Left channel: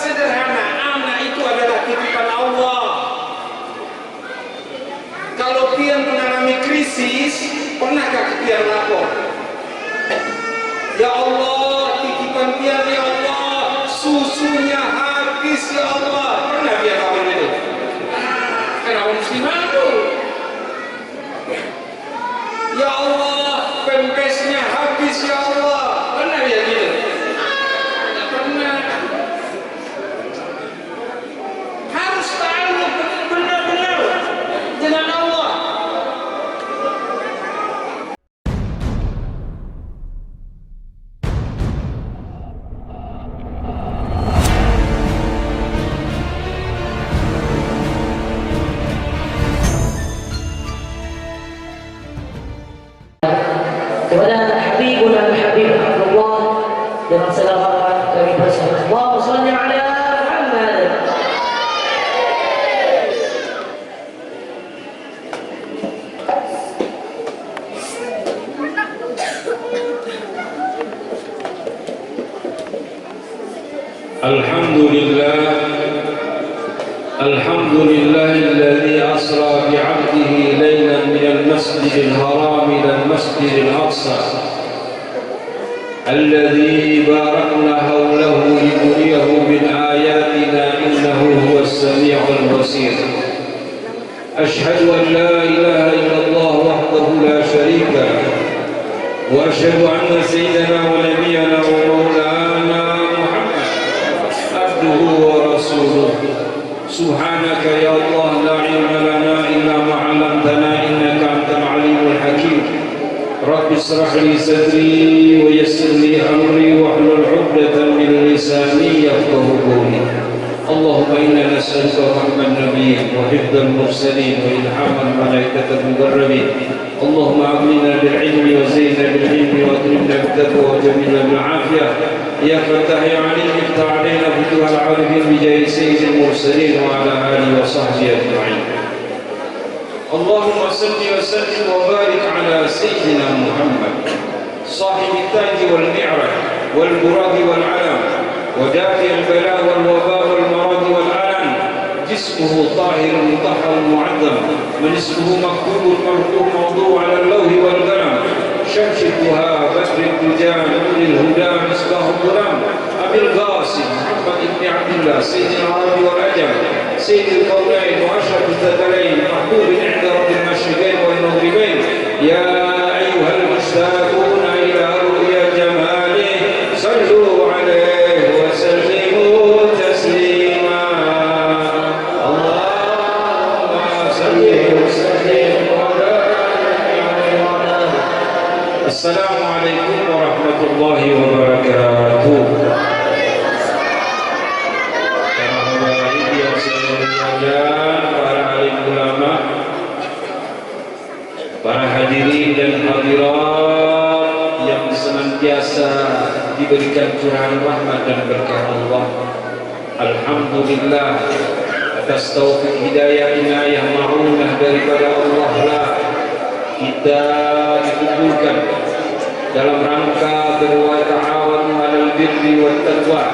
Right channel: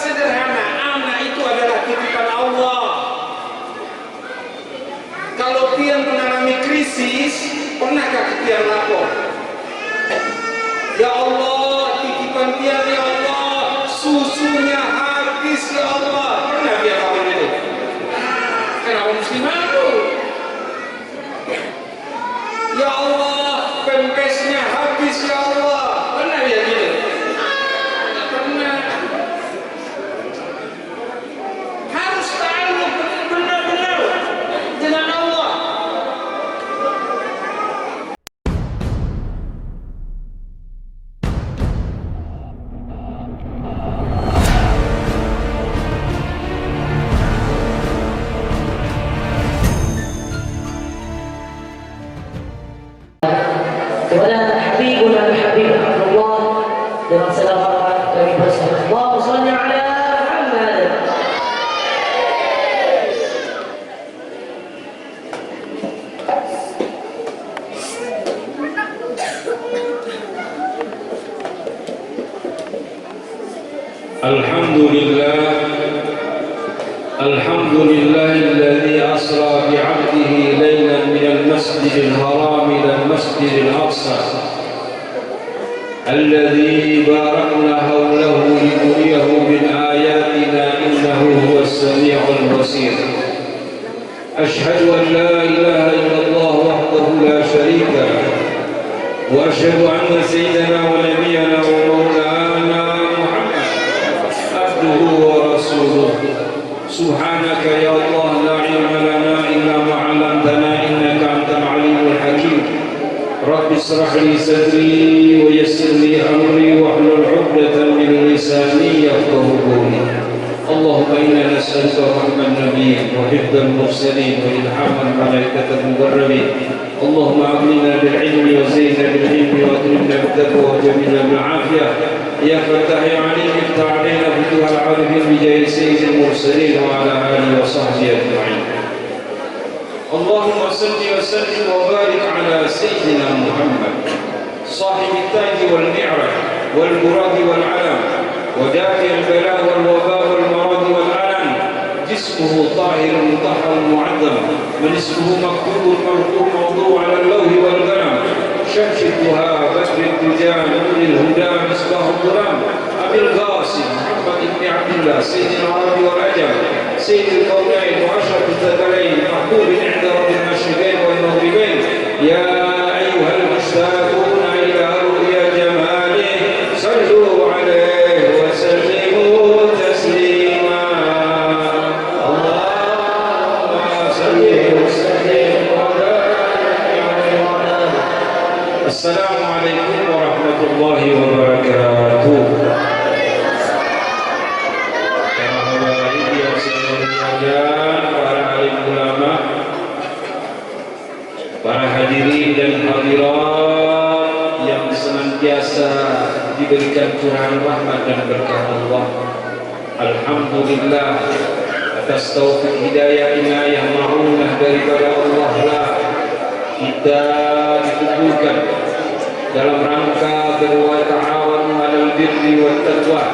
sederhana, anak itu adalah titipan Allah. Kalau pian mengalami krisis, pernahkah pian lapor? Ya Allah, titipan pian ya Allah, susunya habis ya Allah. Pernah pian lapor itu? Kenapa mesti malu? Ya Allah, pempesnya habis ya Allah. Pernah ya gitu? Tidak pernah. Harus tahu benar-benar dengan Allah. kepada Habibuna Habib Abdullah dengan segala hormat kami persilakan. Allahumma shalli ala Muhammad. الحمد لله الذي أسرى بعبده ليلا من المسجد الحرام إلى المسجد الأقصى الذي باركنا حوله لنريه من آياتنا إنه هو السميع البصير. أشهد أن لا إله إلا الله وحده لا شريك له وأشهد أن سيدنا ونبينا ومولانا محمد عبده ورسوله. سبحانك يا الله لا علم لنا إلا ما علمتنا إنك أنت العليم الحكيم. رب اشرح لي صدري ويسر لي أمري واحلل عقدة من لساني يفقهوا قولي. اللهم إنا نسألك رحم النبيين وحفظ المرسلين وإلهام الملائكة المقربين. اللهم أغننا بالعلم وزينا بالعلم وأكرمنا بالتقوى وجميلنا بالعافية. يا فتاح يا عليم افتح علينا فتوح العارفين بجاه سيد المرسلين وعلى آله وصحبه أجمعين. اللهم صل وسلم وبارك على سيدنا محمد صاحب التاج والمعرج والبراق والعلم ودافع البلاء والوباء والمرض والألم. جسمه طاهر مطهر معظم من اسمه مكتوب مرفوع موضوع على اللوح والقلم. شمس الضحى بدر الدجى نور الهدى مصباح الظلام. أبي القاسم محمد بن عبد الله سيد العرب والعجم سيد الكونين وأشرف الثقلين محبوب عند رب المشرقين والمغربين. يا أيها المشتاقون إلى رؤيا جماله صلوا عليه وسلموا تسليما. اللهم صل وسلم وبارك. السلام عليكم ورحمة الله وبركاته. Para alim ulama, para hadirin dan hadirat yang senantiasa diberikan curahan rahmat dan berkah Allah. Alhamdulillah atas taufik hidayah inayah ma'unah daripada Allah lah kita dikumpulkan dalam rangka berwata'awanu 'alal birri wat taqwa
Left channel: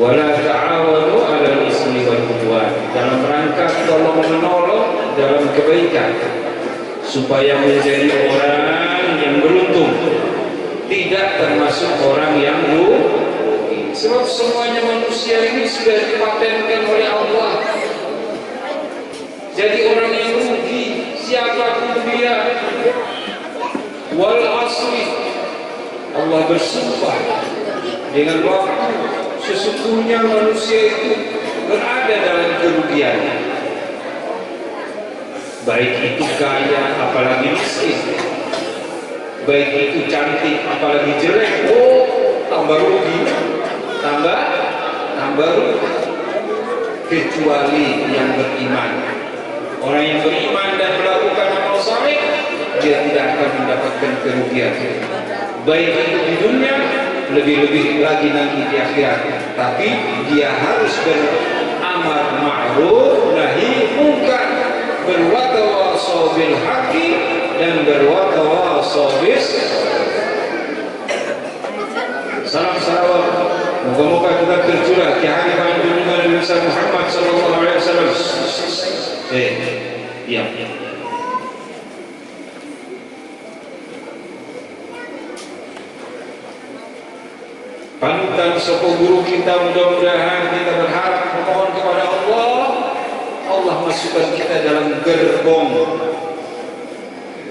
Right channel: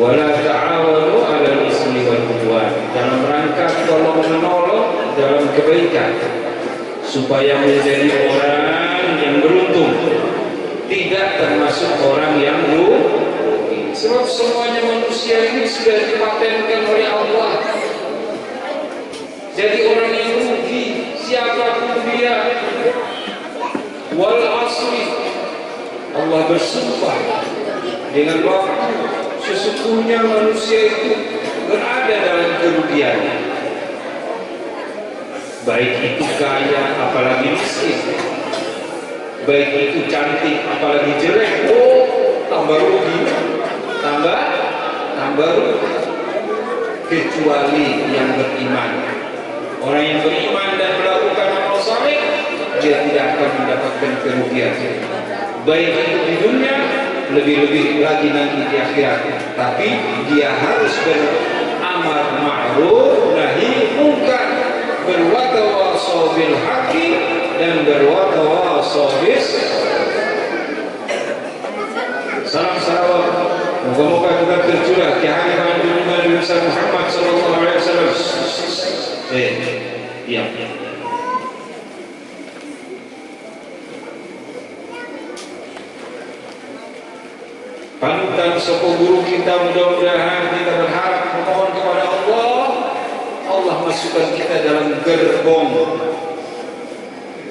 wa la ta'awanu 'alal ismi wal 'udwan, dalam rangka tolong menolong dalam kebaikan supaya menjadi orang yang beruntung, tidak termasuk orang yang rugi. Sebab semuanya manusia ini sudah dipatenkan oleh Allah. Jadi orang yang rugi siapapun dia. Wal asri, Allah bersumpah dengan waktu, sesungguhnya manusia itu berada dalam kerugian. Baik itu kaya apalagi miskin, baik itu cantik apalagi jelek, tambah rugi, tambah rugi. Kecuali yang beriman. Orang yang beriman dan melakukan amal saleh, dia tidak akan mendapatkan kerugian, baik itu di dunia, lebih-lebih lagi nanti di akhirat. Tapi dia harus beramar ma'ruf nahi munkar, berwatawasau bil haqqi dan berwatawasau bis. Salam salawat Moga-moga kita tercurah di hari junjungan Nabi Muhammad sallallahu alaihi wasallam. Diam. Panutan sapa guru kita, mudah-mudahan kita berharap memohon kepada Allah masukkan kita dalam gerbong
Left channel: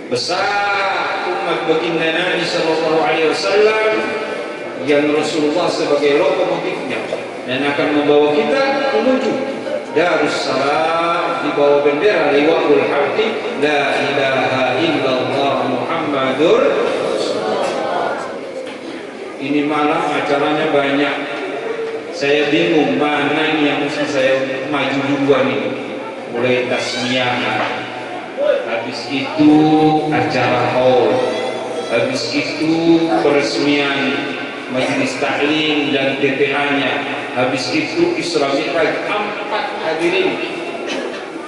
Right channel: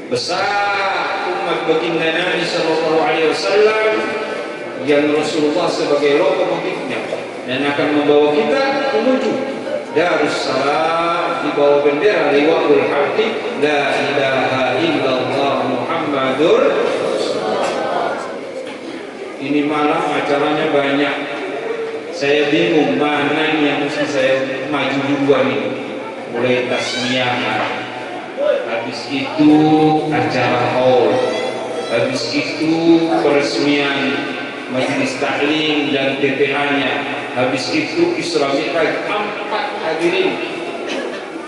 besar umat baginda Nabi sallallahu alaihi wasallam yang Rasulullah sebagai lokomotifnya dan akan membawa kita menuju Darussalam di bawah bendera liwa'ul hamdi la ilaha illallah Muhammadur. Ini malam acaranya banyak. Saya bingung mana yang mesti saya maju duluan ini. Mulai tasmiyahan, habis itu acara haul, habis itu peresmian majelis taklim dan TPA-nya, habis itu Isra Mi'raj 4 hadirin.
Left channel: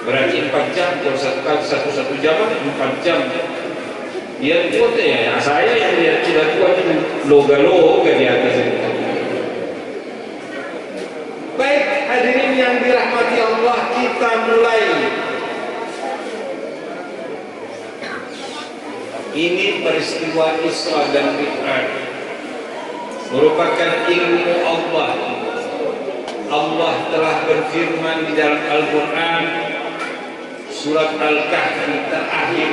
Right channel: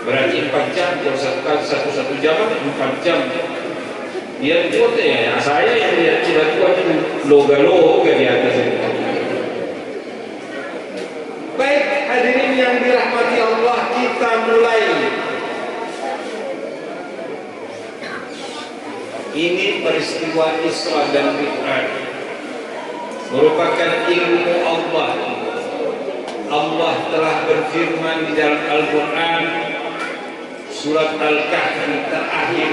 Berarti 4 jam, kalau satu jam 4 jam. Dia buat ya, saya yang dia tidak buat itu loga-loga di atas itu. Baik hadirin yang dirahmati Allah, kita mulai. Ini peristiwa Isra dan Mi'raj merupakan ilmu Allah. Allah telah berfirman di dalam Al-Quran surat Al-Kahfi terakhir,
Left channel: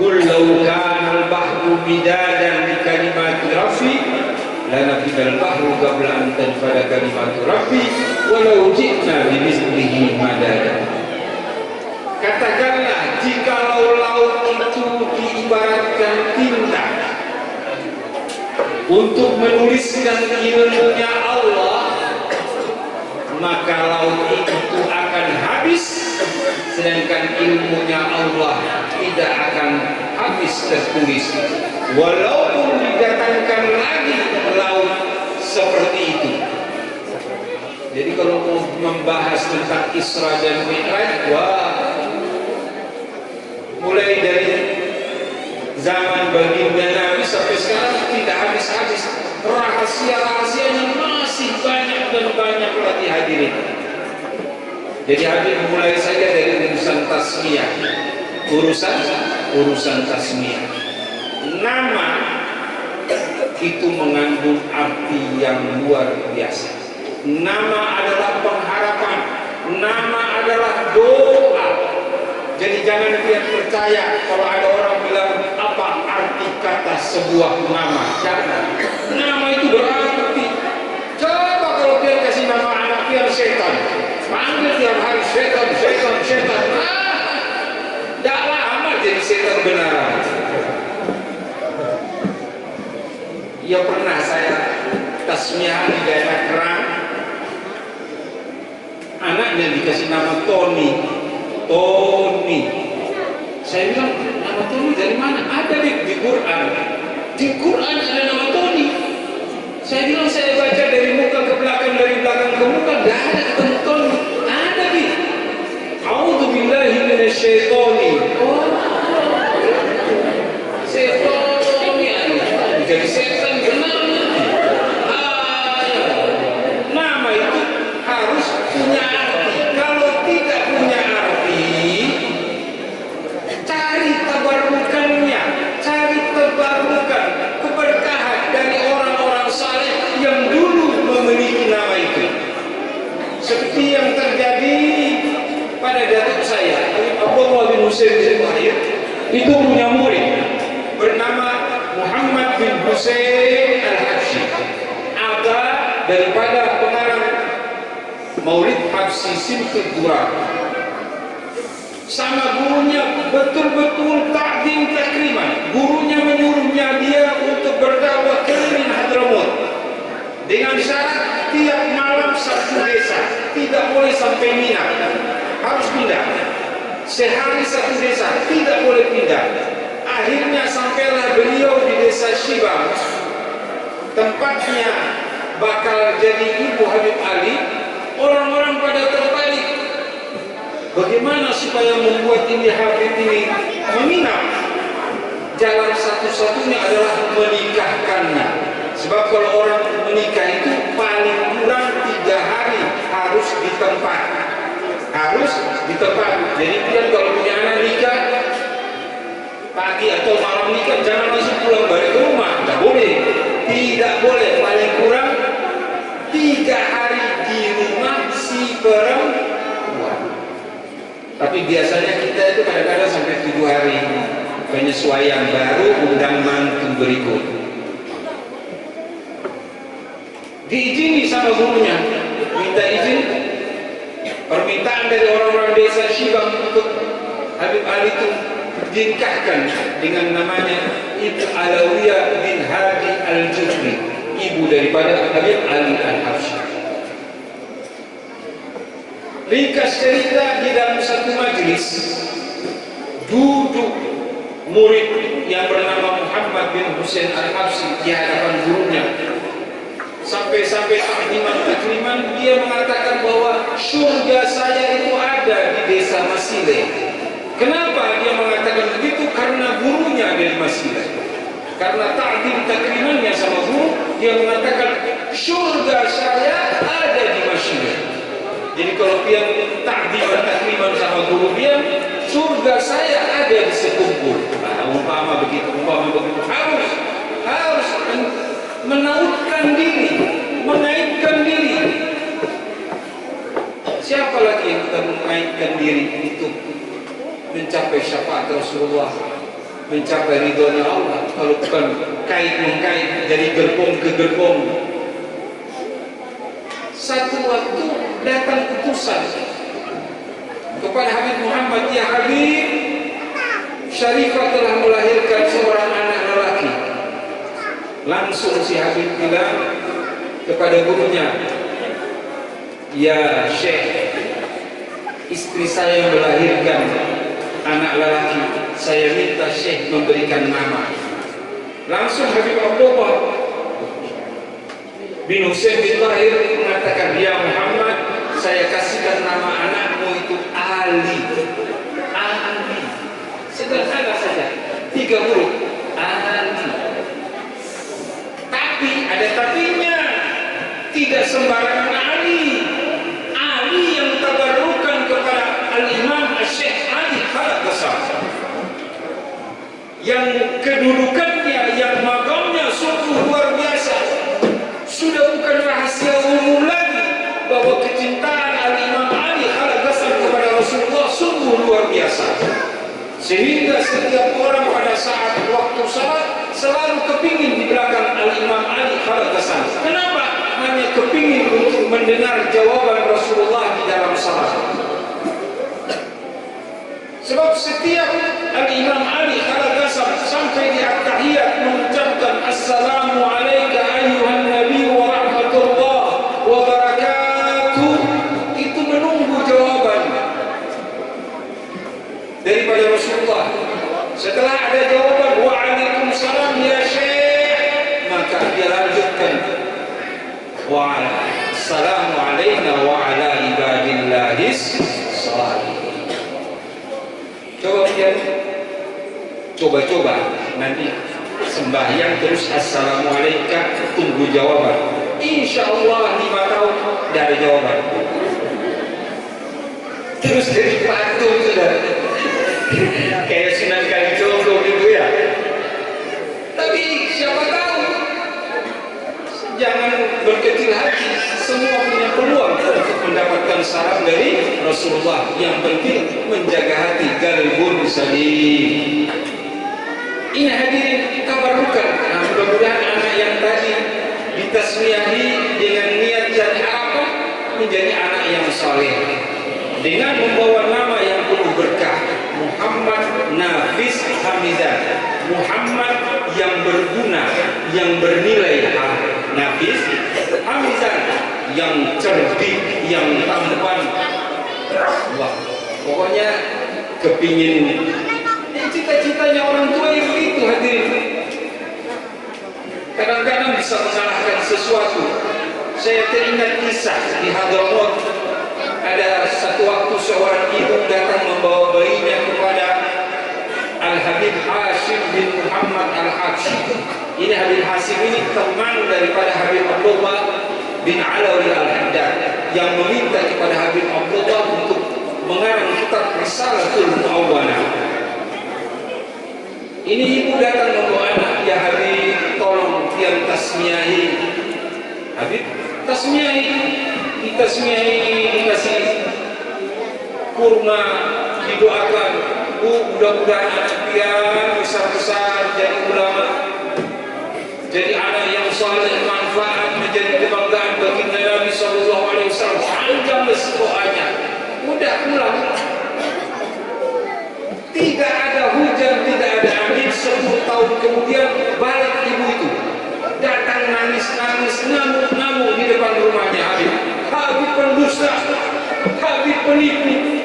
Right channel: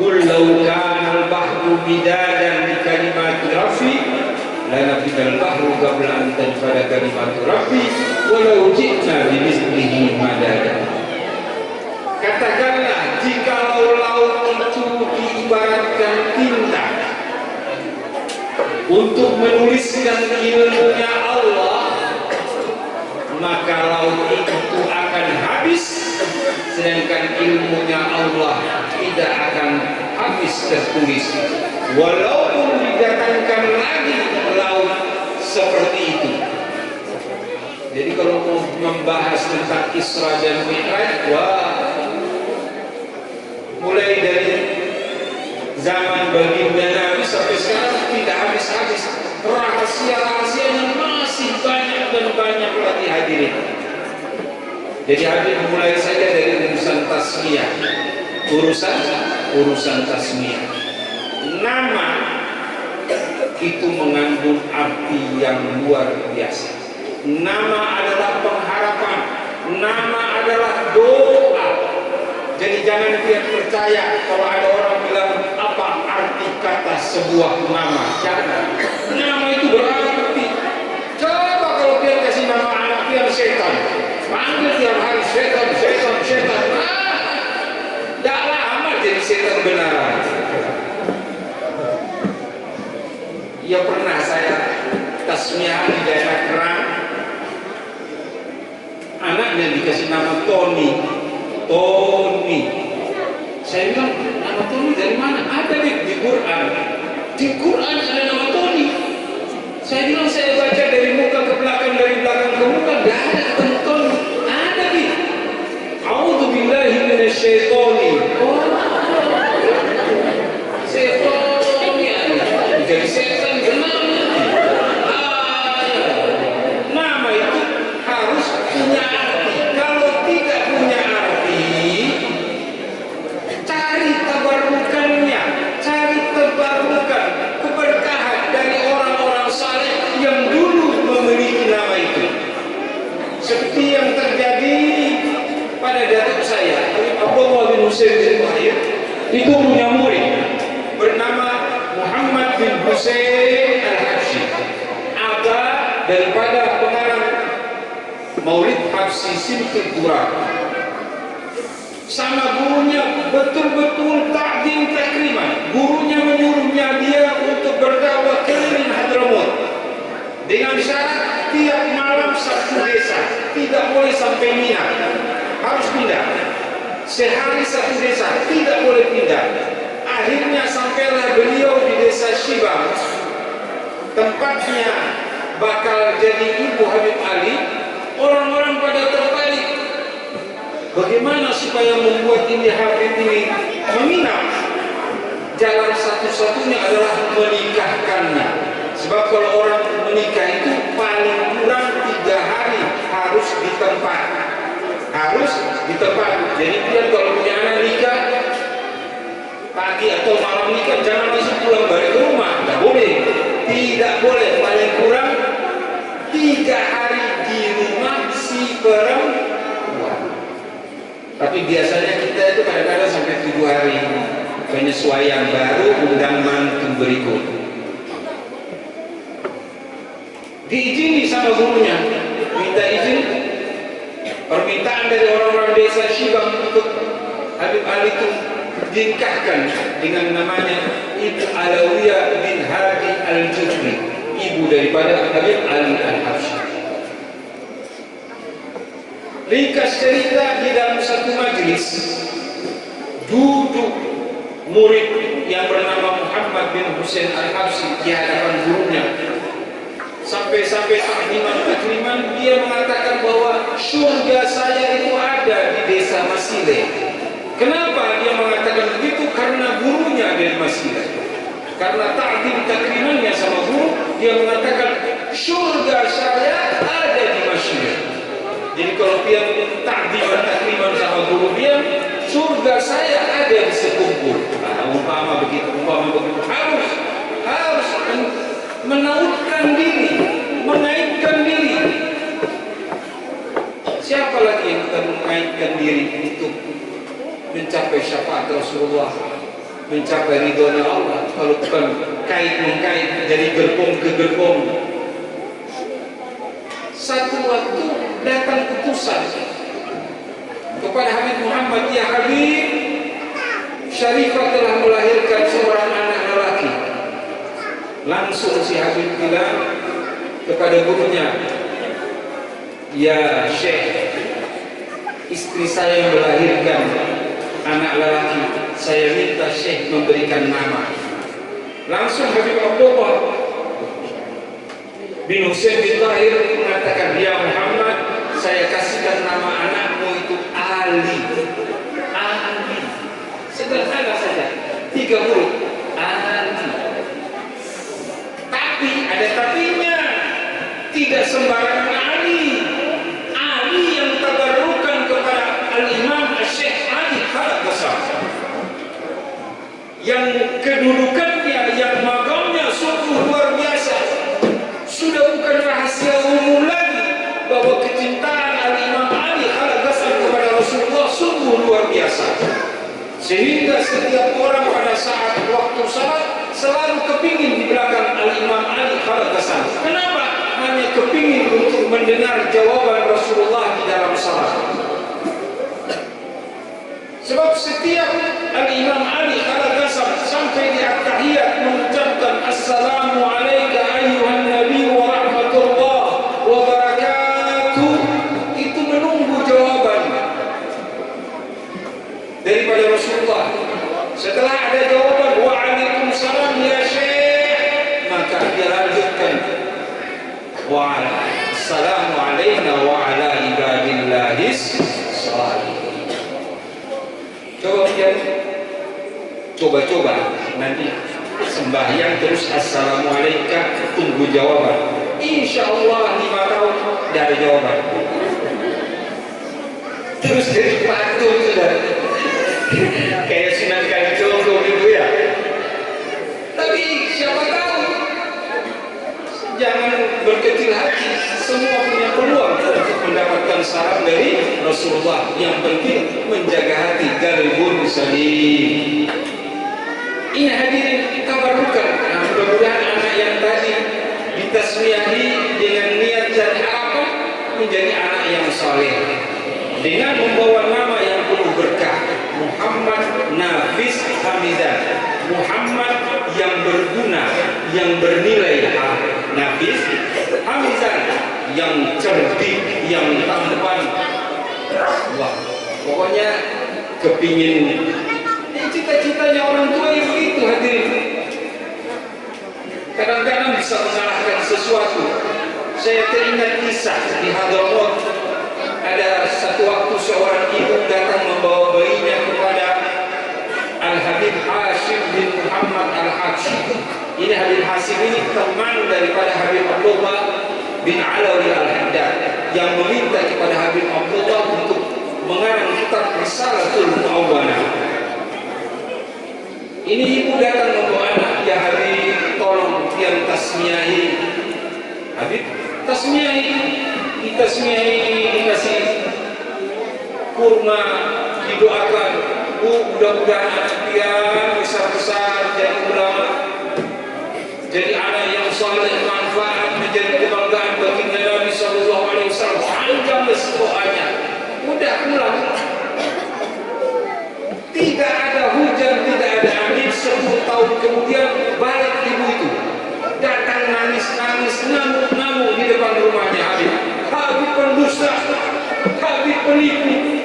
Qul law kana al-bahru midadan li kalimati rabbi lanafida al-bahru qabla an tanfada kalimatu rabbi walau ji'na bimithlihi madada. Katakanlah, jikalau laut itu diibaratkan tinta untuk menuliskan ilmunya Allah, maka laut itu akan habis, sedangkan ilmunya Allah tidak akan habis tertulis walaupun didatangkan lagi laut seperti itu. Jadi kalau mau membahas tentang Isra dan Mi'raj, mulai dari zaman baginda Nabi sampai sekarang tidak habis-habis. Rahasia-rahasianya masih banyak dan banyak lagi hadirin. Jadi hadirin mulai saja dari urusan tasmiyah. Urusan tasmiyah. Nama itu mengandung arti yang luar biasa. Nama adalah pengharapan. Nama adalah doa. Jadi jangan kalian percaya kalau ada orang bilang apa arti kata sebuah nama. Jangan. Nama itu berarti. Coba kalau kalian kasih nama anak kalian setan, panggil tiap hari setan. Tidak lama jadi setan benaran. Ya pernah saya tasmiyah di daerah Kerang. Anaknya dikasih nama Tony. Saya bilang, nama Tony dari mana? Ada di Quran. Di Quran ada nama Tony. Saya bilang, saya baca dari muka ke belakang, dari belakang ke muka, tidak ada ketemu Tony. Ada di A'udzubillahi minasyaitonir. Setan jadi setan benar. Nama itu harus punya arti. Kalau tidak punya arti, cari tabarukannya, cari tabarukan, keberkahan dari orang-orang saleh yang dulu memiliki nama itu. Seperti yang terjadi pada datuk saya, Abdullah bin Husain bin Tahir, itu punya murid bernama Muhammad bin Husain Al-Habsyi, ada daripada pengarang Maulid Habsyi Simtud Durab. Sama gurunya betul-betul takdim takriman. Gurunya menyuruhnya dia untuk berdakwah keliling Hadramaut dengan syarat tiap malam satu desa, tidak boleh sampai Mina, harus pindah. Sehari satu desa, tidak boleh pindah. Akhirnya sampailah beliau di desa Shibam, tempatnya bakal jadi ibu Habib Ali. Orang-orang pada tertarik. Bagaimana supaya membuat ini Habib ini menginap? Jalan satu-satunya adalah menikahkannya. Sebab kalau orang menikah itu paling tepat. Jadi dia kalau punya anak nikah pagi atau malam nikah, jangan langsung pulang balik ke rumah, tidak boleh. Tidak boleh, paling kurang 3 hari di rumah si perempuan. Tapi biasanya kita itu kadang-kadang sampai 7 hari penyesuaian, baru undang mantu berikut. Diizini sama gurunya, minta izin, permintaan dari orang-orang desa Shibang untuk Habib Ali itu dinikahkan dengan namanya Ibu Alawiyah bin Hadi Al-Jufri, ibu daripada Habib Ali Al-Habsyi. Ringkas cerita, di dalam satu majlis duduk murid yang bernama Muhammad bin Husain Al-Habsyi di hadapan gurunya. Sampai-sampai takliman dia mengatakan bahwa surga saya itu ada di desa Masile. Kenapa dia mengatakan begitu? Karena gurunya dari Masile. Karena taklimannya sama guru, dia mengatakan surga saya ada di Masile. Jadi kalau dia takliman sama guru dia, surga saya ada di Sekumpul. Nah, umpama begitu harus menautkan diri, mengaitkan diri. Siapa lagi yang kita mengaitkan diri untuk mencapai syafaat Rasulullah, mencapai ridhonya Allah, kalau bukan kait-mengkait dari gerbong ke gerbong. Satu waktu datang utusan kepada Habib Muhammad, ya Habib, Syarifah telah melahirkan seorang anak lelaki. Langsung si Habib bilang kepada gurunya, ya Syekh, istri saya melahirkan anak lelaki, saya minta Syekh memberikan nama. Langsung Habib Abdullah bin Husain bin Tahir mengatakan, ya Muhammad, saya kasihkan nama anakmu itu Ali. Ali, sederhana saja, 3 huruf, Ali. Tapi ada tapinya, tidak sembarangan Ali. Ali yang tabarrukan kepada Al-Imam Syekh Ali Khalaf Qasam, yang kedudukannya, yang makamnya sungguh luar biasa. Sudah bukan rahasia umum lagi bahwa kecintaan Al-Imam Ali Khalaf Qasam kepada Rasulullah sungguh luar biasa, sehingga setiap orang pada saat waktu salat selalu kepingin di belakang Al-Imam Ali Khalaf Qasam. Kenapa? Hanya kepingin untuk mendengar jawaban Rasulullah di dalam salat. Sebab setiap Al-Imam Ali Khalaf Qasam sampai di at-tahiyat mengucapkan assalamu alayka ayyuhan nabi wa rahmatullah wa barakatuh, itu menunggu jawaban daripada Rasulullah. Setelah ada jawaban waalaikumsalam ya Syekh, maka dia lanjutkan wassalamu alaina wa ala ibadillahis shalihin. Coba nanti sembahyang terus assalamualaikum, tunggu jawaban. Insya Allah 5 tahun dari jawaban. Terus jadi patung sudah. Kayak Sunan Kalijogo gitu ya. Tapi siapa tahu, jangan berkecil hati, semua punya peluang untuk mendapatkan salam dari Rasulullah. Yang penting menjaga hati, qalbun salim. Ini hadirin tabarukan. Nah, mudah-mudahan anak yang tadi ditasmiyahi dengan niat dan harapan menjadi anak yang saleh, dengan membawa nama yang penuh berkah, Muhammad Nafis Hamidan, Muhammad yang berguna, yang bernilai. Nafis Hamidan, yang cerdik, yang tampan. Wah, pokoknya kepingin. Cita-citanya orang tua yang begitu, hadirin. Kadang-kadang bisa mengalahkan sesuatu. Saya teringat kisah di Hadramaut. Ada satu waktu seorang ibu datang membawa bayinya kepada Al-Habib Hashim bin Muhammad Al-Habsyi. Ini Habib Hashim ini teman daripada Habib Abdullah bin Alawi Al-Haddad, yang meminta kepada Habib Abdullah untuk mengarang kitab Risalatul Mu'awwanah. Ini ibu datang membawa anak, ya Habib, tolong yang tasmiyahi. Habib tasmiyahi, ditasmiyahi, dikasih kurma, didoakan. Bu, mudah-mudahan anak pian besar-besar jadi ulama, jadi anak yang saleh, manfaat, menjadi kebanggaan bagi Nabi Sallallahu Alaihi Wasallam. Panjang doanya. Udah pulang. Tidak ada hujan, tidak ada angin. 10 tahun kemudian balik ibu itu. Datang nangis-nangis, ngamuk-ngamuk di depan rumahnya Habib. Habib pendusta, Habib penipu.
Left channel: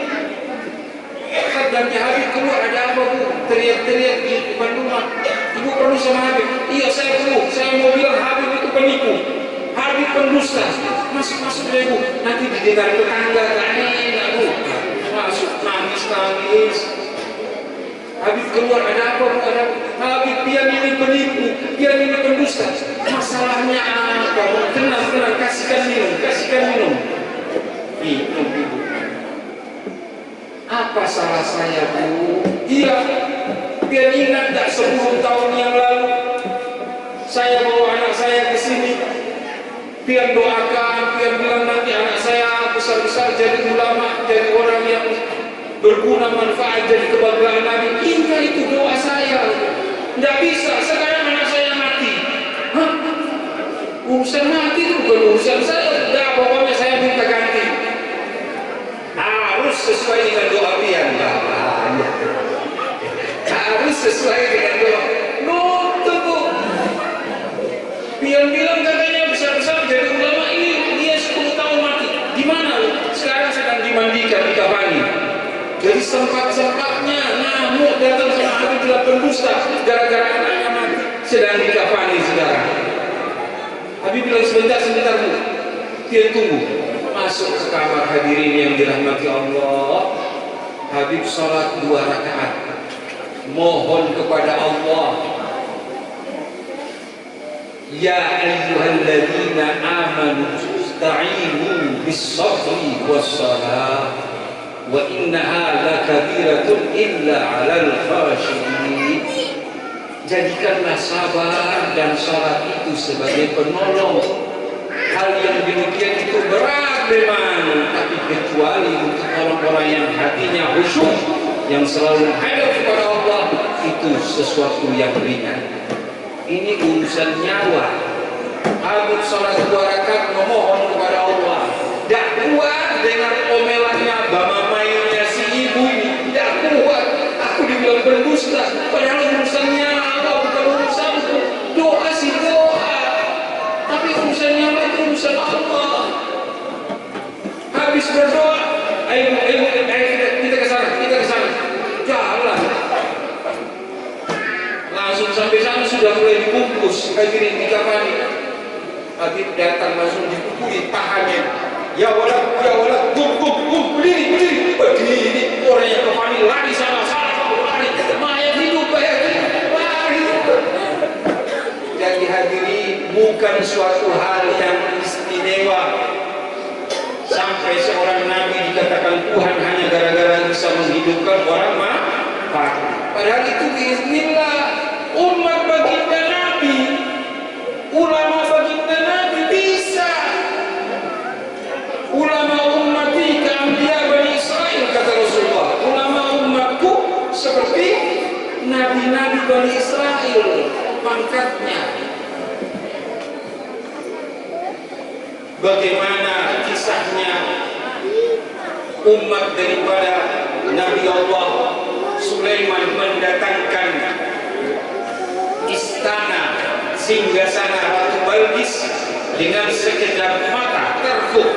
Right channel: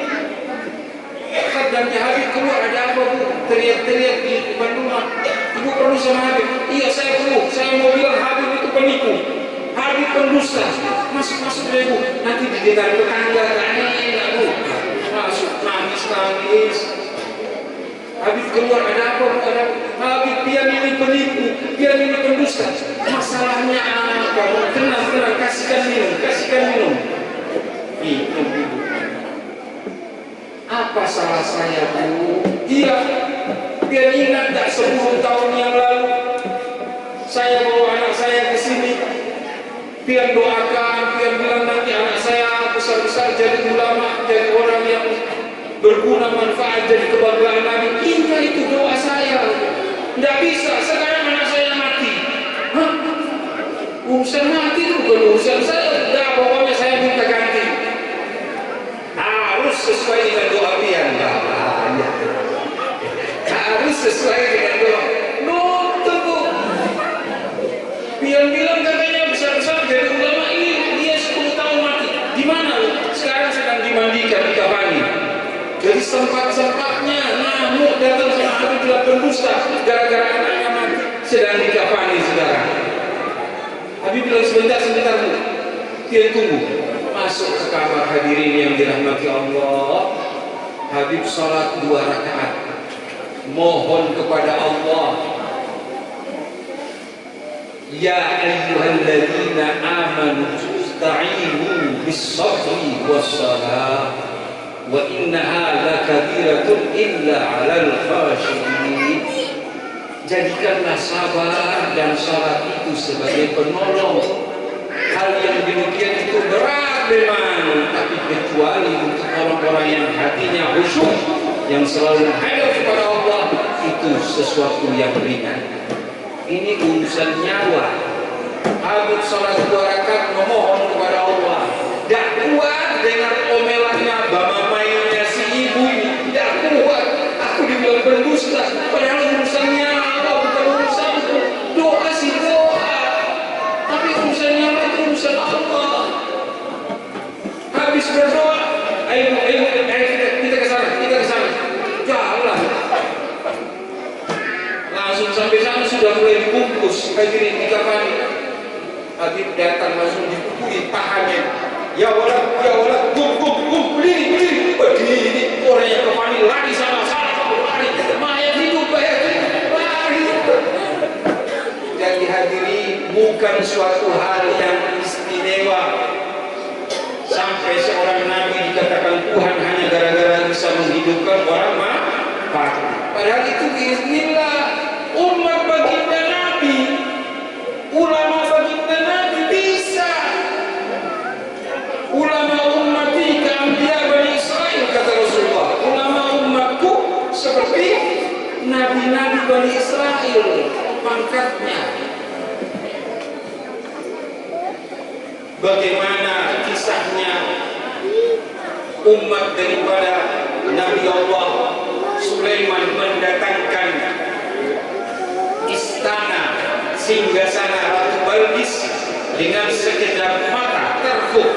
Katanya Habib keluar, ada apa bu? Teriak-teriak di depan rumah. Ibu perlu sama Habib. Iya saya perlu. Saya mau bilang Habib itu penipu, Habib pendusta. Masuk-masuk deh bu. Nanti didengar tetangga, gak enak bu. Masuk nangis-nangis. Habib keluar, ada apa bu? Ada Habib, dia ini penipu, dia ini pendusta. Masalahnya apa bu? Tenang, kasihkan minum. Minum ibu. Apa salah saya bu? Iya, dia ingat tak 10 tahun yang lalu saya bawa anak saya ke sini. Dia doakan, dia bilang nanti anak saya besar-besar jadi ulama, jadi orang yang berguna, manfaat, jadi kebanggaan Nabi. Ingat itu doa saya. Tidak bisa, sekarang anak saya mati. Hah? Urusan mati itu bukan urusan saya. Tidak, pokoknya saya minta ganti. Harus sesuai dengan doa pian. Harus sesuai dengan doa. Tunggu. Pian bilang katanya besar-besar jadi ulama, ini dia 10 tahun mati. Di mana? Sekarang sedang dimandikan, dikafani. Jadi sempat-sempatnya ngamuk datang sama Habib bilang pendusta gara-gara anaknya mati, sedang dikafani sekarang. Habib bilang sebentar bu, dia tunggu. Masuk ke kamar hadirin yang dirahmati Allah. Habib salat 2 rakaat, mohon kepada Allah, ya ayyuhalladzina amanu ista'inu bis-sabri was-salah wa innaha lakabiratun illa 'alal khashiyin. Jadikanlah sabar dan salat itu sebagai penolong. Hal yang demikian itu berat memang, tapi kecuali untuk orang-orang yang hatinya khusyuk, yang selalu menghadap kepada Allah, itu sesuatu yang ringan. Ini urusan nyawa. Habib salat 2 rakaat memohon kepada Allah. Tak kuat dengan omelannya, bama-mainnya si ibu ini. Tak kuat. Aku dibilang pendusta, padahal urusannya Allah, bukan urusanku. Doa sih doa, tapi urusannya itu urusan Allah. Habis berdoa, ayo kita ke sana. Jalan. Langsung sampai sana sudah mulai dibungkus, hadirin dikafani. Habib datang langsung dipukuli pahannya. Ya walad, gum, berdiri. Begini orang yang kafani lari sana, lari. Mayat hidup, lari. Jadi hadirin, bukan suatu hal yang istimewa sampai seorang nabi dikatakan Tuhan hanya gara-gara bisa menghidupkan orang mati. Padahal itu biiznillah. Umat baginda Nabi, ulama baginda Nabi bisa. Ulama ummati ka'ambiya Bani Israel, kata Rasulullah. Ulama umatku seperti nabi-nabi Bani Israel pangkatnya. Bagaimana kisahnya umat daripada Nabi Allah Sulaiman mendatangkan istana singgasana Ratu Balqis dengan sekejap mata terfuk,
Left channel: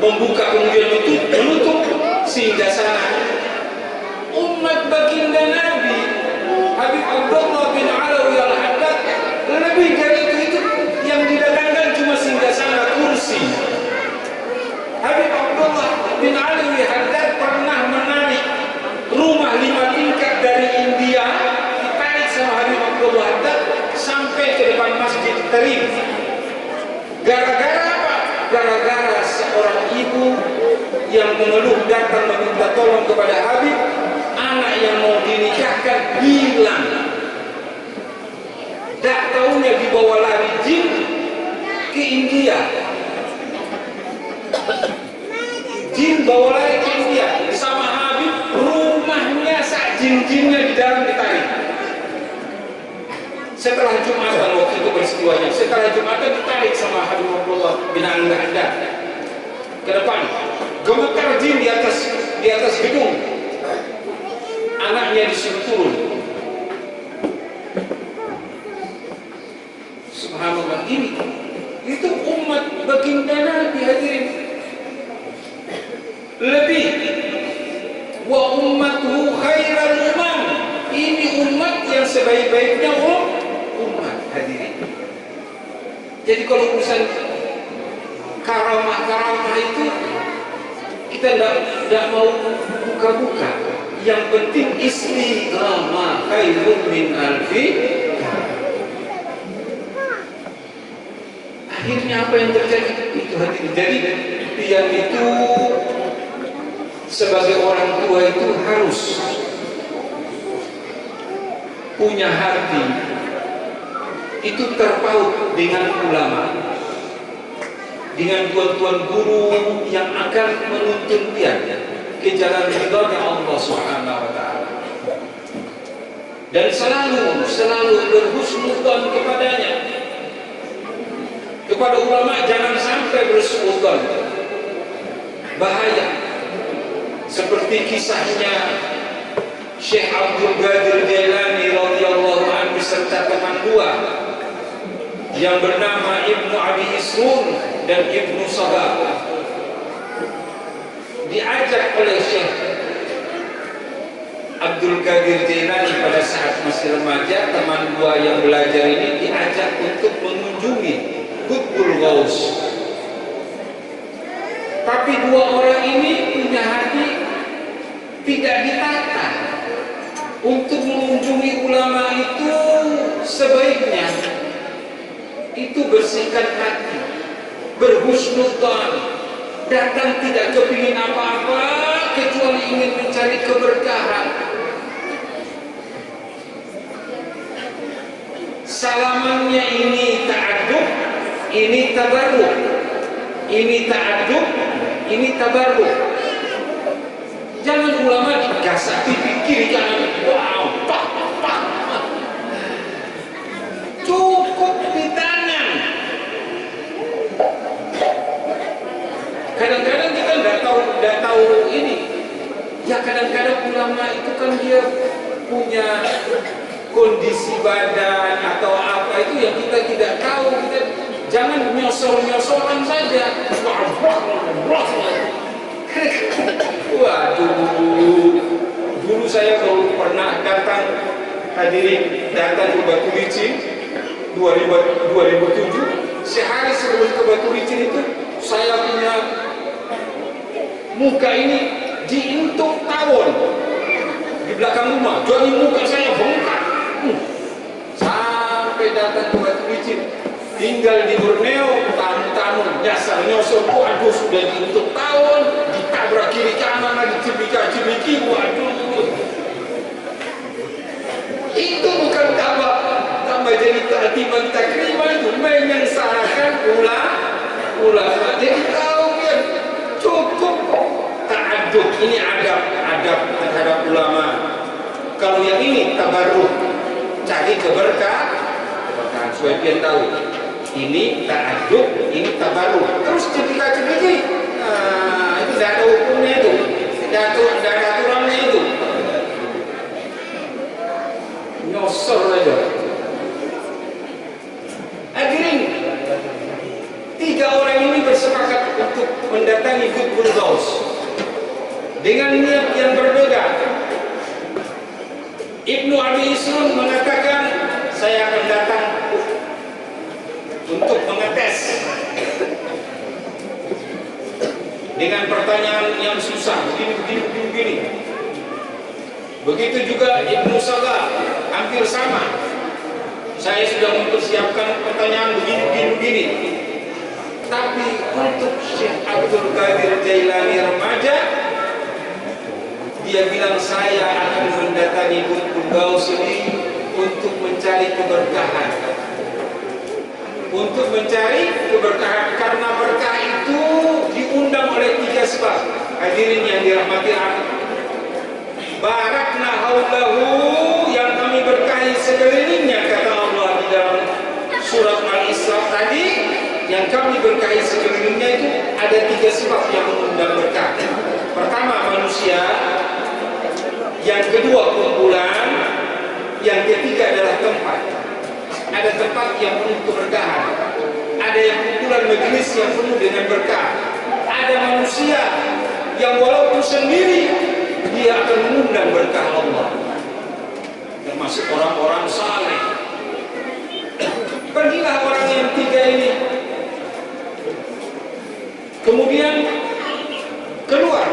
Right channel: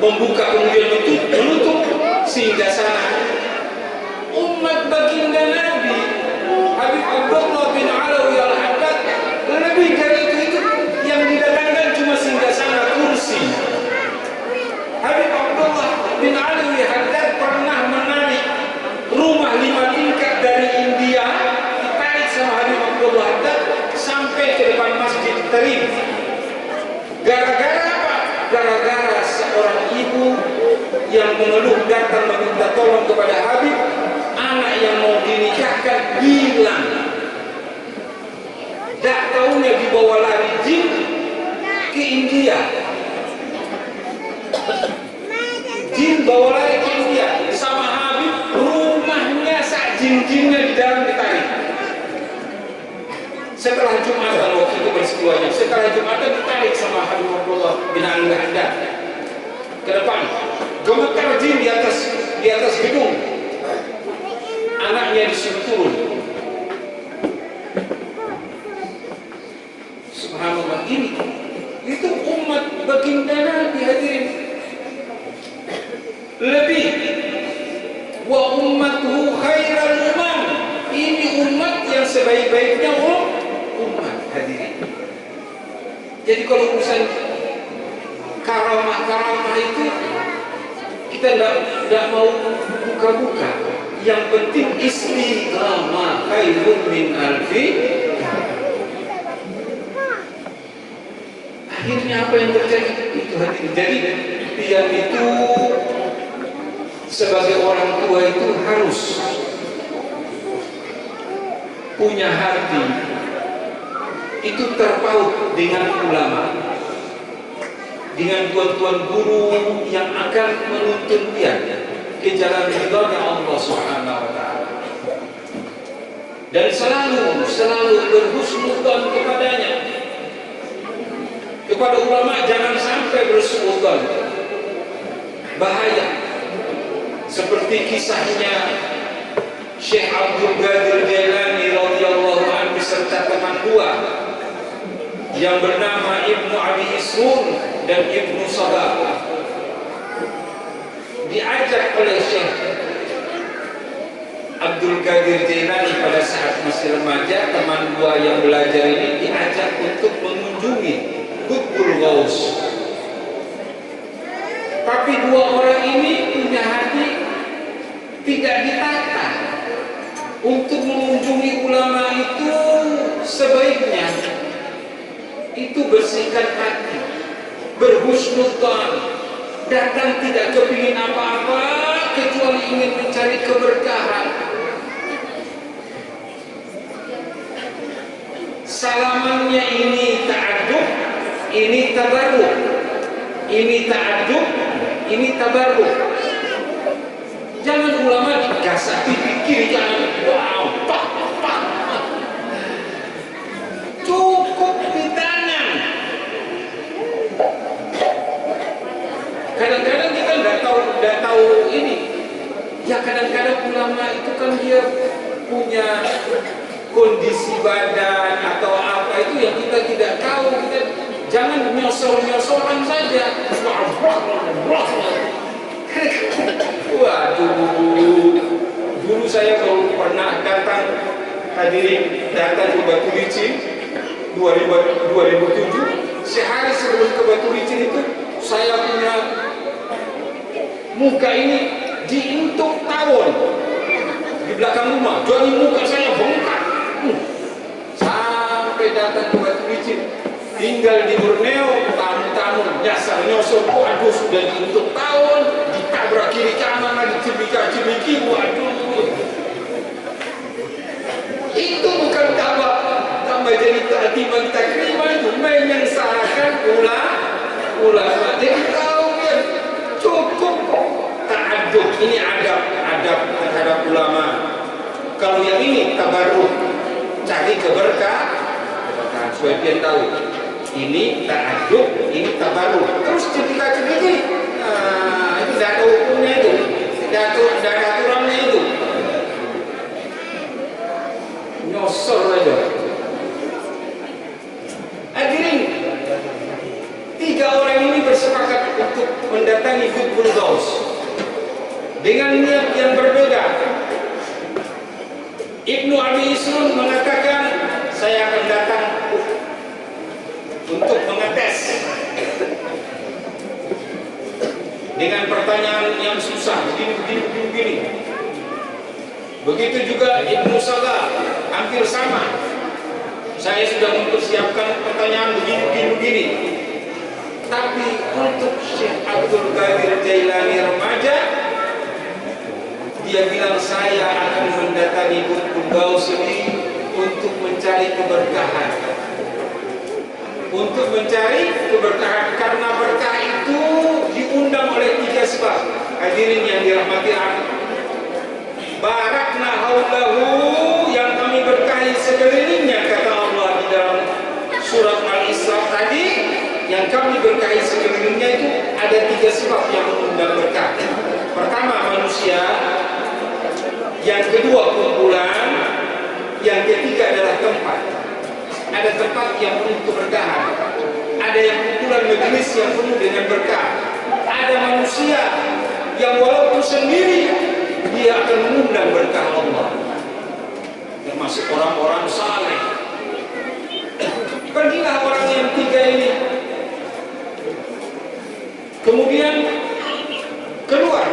membuka kemudian menutup singgasana. Umat baginda Nabi Habib Abdullah bin Alawi Al-Haddad lebih dari itu yang didatangkan cuma singgasana kursi. Habib Abdullah bin Alawi Al-Haddad pernah menarik rumah 5 tingkat dari India, ditarik sama Habib Abdullah Haddad sampai ke depan Masjid Tarim. Gara-gara apa? Gara-gara seorang ibu yang mengeluh datang meminta tolong kepada Habib, anak yang mau dinikahkan hilang. Tak tahunya dibawa lari jin ke India. Jin bawa lari ke India sama Habib, rumahnya sak jin-jinnya di dalam ditarik. Setelah Jumatan waktu itu peristiwanya, setelah Jumatan ditarik sama Habib Abdullah bin Al-Haddad ke depan. Gemetar jin di atas gedung. Anaknya disuruh turun. Subhanallah, ini itu umat baginda Nabi hadirin. Lebih wa ummatuhu khairal umam. Ini umat yang sebaik-baiknya umat hadirin. Jadi kalau urusan karamah itu kita tidak mau buka-buka. Yang penting istiqamah khairun min alfi. Akhirnya apa yang terjadi? Itu hadirin. Jadi dia itu sebagai orang tua itu harus punya hati itu terpaut dengan ulama, dengan tuan-tuan guru yang akan menuntun dia ke jalan ridha Allah Subhanahu wa taala. Dan selalu berhusnudzon kepadanya. Kepada ulama jangan sampai bersuudzon. Bahaya. Seperti kisahnya Syekh Abdul Qadir Jailani radhiyallahu anhu beserta teman dua yang bernama Ibnu Abi Isrun dan Ibnu Sabah. Diajak oleh Syekh Abdul Qadir Jailani pada saat masih remaja, teman dua yang belajar ini diajak untuk mengunjungi Qutbul Ghaus. Tapi dua orang ini punya hati tidak ditata untuk mengunjungi ulama itu sebaiknya itu bersihkan hati, berhusnudzon, datang tidak kepingin apa-apa kecuali ingin mencari keberkahan. Salamannya ini ta'adub, ini tabarruk, ini ta'adub, ini tabarruk. Jangan ulama digasak pipi kiri kanan, wow, pak. Cukup di tangan. Kadang-kadang kita tidak tahu ini. Ya kadang-kadang ulama itu kan dia punya kondisi badan atau apa itu yang kita tidak tahu. Kita jangan nyosor-nyosoran saja. Waduh, dulu saya kalau pernah datang ke Batu Licin 2007, sehari sebelum ke Batu Licin itu saya punya muka ini diintuk tawon di belakang rumah, jadi muka saya bengkak. Sampai datang ke Batu Licin, tinggal di Borneo, tamu-tamu nyasar nyosor, waduh sudah diintuk tawon, ditabrak kiri kanan lagi, cibika-cibiki, waduh. Itu bukan tambah jadi takdiman takriman, itu menyengsarakan ulama. Jadi tahu ya cukup ta'adub, ini adab terhadap ulama. Kalau yang ini tabarruk, cari keberkahan supaya pian tahu. Ini ta'adub, ini tabarruk. Terus cipika-cipiki, itu tidak ada hukumnya itu, tidak ada aturannya itu. Nyosor aja. Hadirin, 3 orang ini bersepakat untuk mendatangi Qutbul Ghaus dengan niat yang berbeda. Ibnu Abi Isrun mengatakan, saya akan datang untuk mengetes dengan pertanyaan yang susah, begini. Begitu juga Ibnu Sabah, hampir sama. Saya sudah mempersiapkan pertanyaan begini. Tapi untuk Syekh Abdul Qadir Jailani remaja, dia bilang saya akan mendatangi Qutbul Ghaus ini untuk mencari keberkahan. Untuk mencari keberkahan, karena berkah itu diundang oleh 3 sebab. Hadirin yang dirahmati Allah, barakna haulahu, yang kami berkahi sekelilingnya, kata Allah di dalam surat Al-Isra tadi. Yang kami berkahi sekelilingnya itu ada 3 sebab yang mengundang berkah. Pertama manusia, yang kedua kumpulan, yang ketiga adalah tempat. Ada tempat yang penuh keberkahan, ada yang kumpulan majelis yang penuh dengan berkah, ada manusia yang walaupun sendiri dia akan mengundang berkah Allah, termasuk orang-orang saleh. Pergilah orang yang 3 ini, kemudian keluar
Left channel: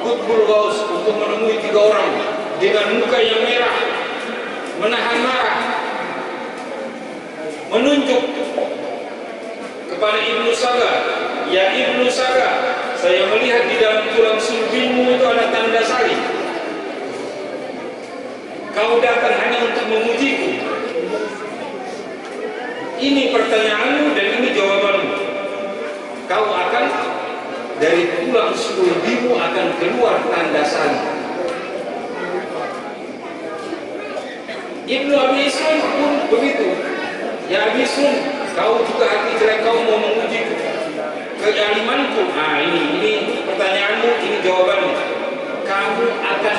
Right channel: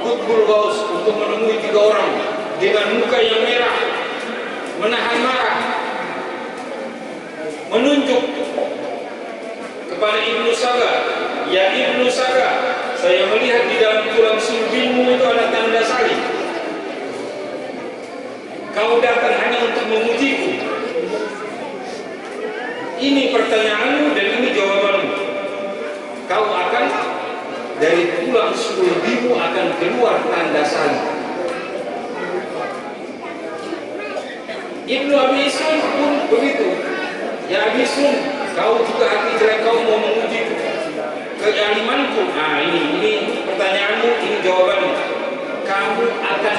Qutbul Ghaus untuk menemui 3 orang dengan muka yang merah, menahan marah, menunjuk kepada Ibnu Saga, ya Ibnu Saga, saya melihat di dalam tulang sulbimu itu ada tanda salib. Kau datang hanya untuk memujiku. Ini pertanyaanmu dan ini jawabanmu. Kau akan, dari tulang sulbimu akan keluar tanda salib. Ibnu Abi Islam pun begitu. Ya Abi Islam, kau juga hati jelek, kau mau menguji kealimanku. Nah ini pertanyaanmu, ini jawabanmu. Kamu akan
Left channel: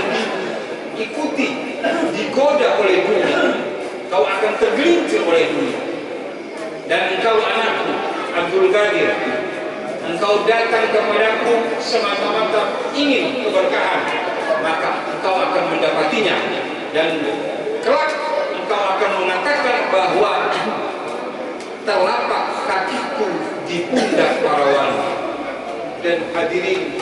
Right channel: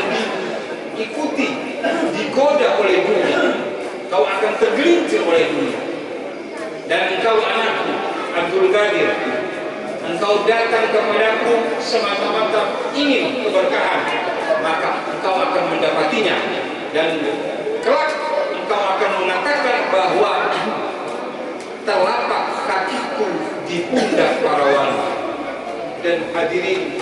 diikuti, digoda oleh dunia. Kau akan tergelincir oleh dunia. Dan engkau anakku Abdul Qadir, engkau datang kepadaku semata-mata ingin keberkahan, maka engkau akan mendapatinya. Dan kelak engkau akan mengatakan bahwa telapak kakiku di pundak para wali. Dan hadirin,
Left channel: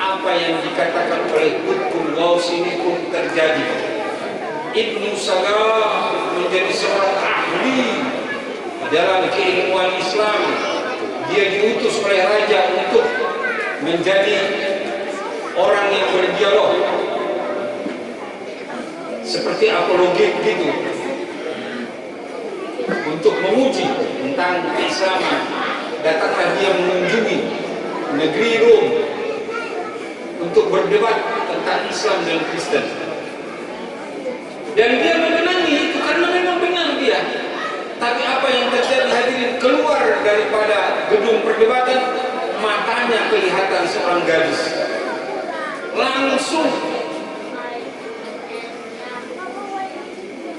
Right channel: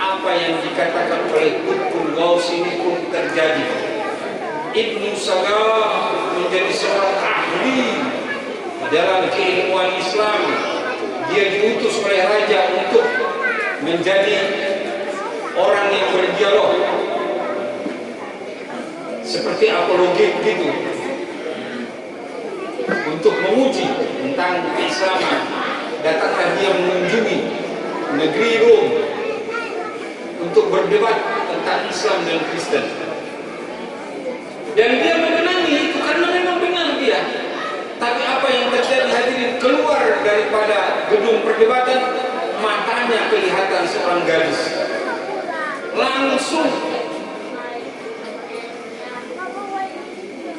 apa yang dikatakan oleh Qutbul Ghaus ini pun terjadi. Ibnu Saga menjadi seorang ahli dalam keilmuan Islam. Dia diutus oleh raja untuk menjadi orang yang berdialog, seperti apologik gitu, untuk menguji tentang keislaman. Datanglah dia mengunjungi negeri Rom untuk berdebat tentang Islam dan Kristen. Dan dia mengenangi itu karena memang benar dia. Tapi apa yang terjadi hadirin, keluar daripada gedung perdebatan, matanya kelihatan seorang gadis. Langsung,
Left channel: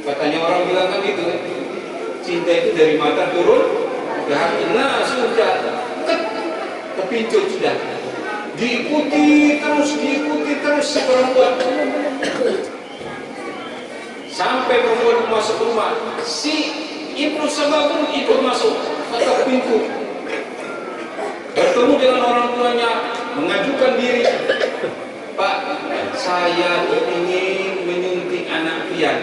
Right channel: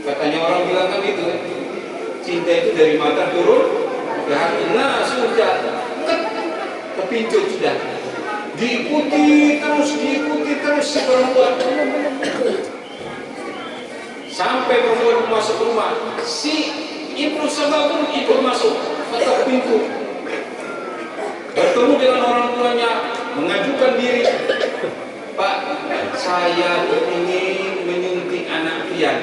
katanya orang bilang kan gitu, cinta itu dari mata turun ke hati. Nah sudah kepincut sudah, diikuti terus si perempuan, sampai perempuan masuk rumah. Si Ibnu Saga pun ikut masuk, ketok pintu, bertemu dengan orang tuanya, mengajukan diri. Pak, saya ingin menyuntik anak pian.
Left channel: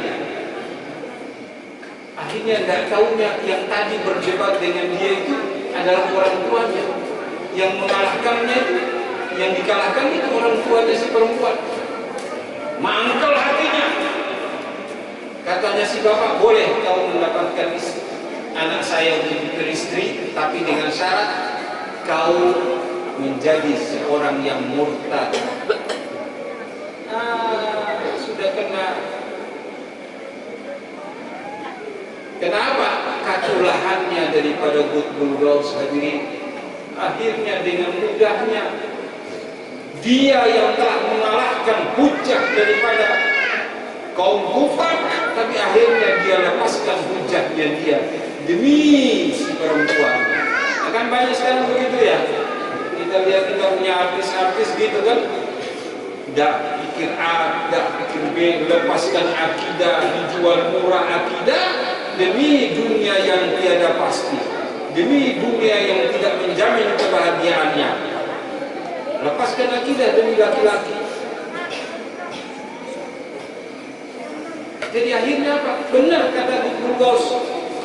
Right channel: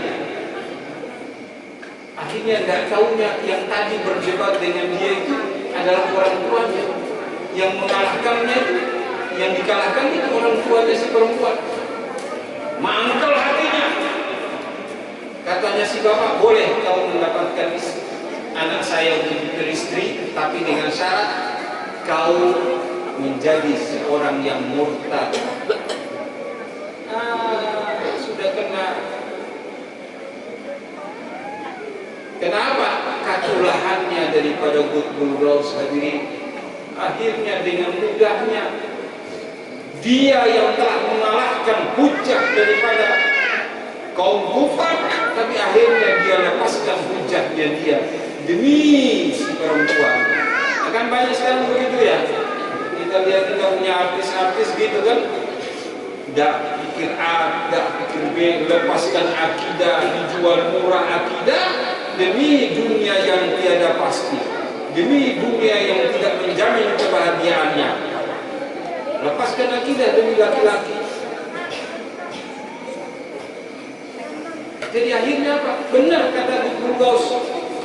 Akhirnya nggak tahunya yang tadi berdebat dengan dia itu adalah orang tuanya. Yang mengalahkannya itu, yang dikalahkan itu orang tuanya si perempuan. Mangkel hatinya. Katanya si bapak, boleh kau mendapatkan anak saya untuk beristri, tapi dengan syarat kau menjadi seorang yang murtad. Sudah kena. Kenapa? Kaculahannya daripada Qutbul Ghaus hadirin. Akhirnya dengan mudahnya dia yang telah mengalahkan hujah daripada kaum kufar, tapi akhirnya dia lepaskan hujahnya dia demi si perempuan. Akan banyak sekarang begitu ya. Kita lihat kita punya artis-artis gitu kan, dak pikir A, dak pikir B, lepaskan akidah, dijual murah akidah demi dunia yang tiada pasti, demi dunia yang tidak menjamin kebahagiaannya. Lepaskan akidah demi laki-laki. Jadi akhirnya apa? Benar kata Qutbul Ghaus,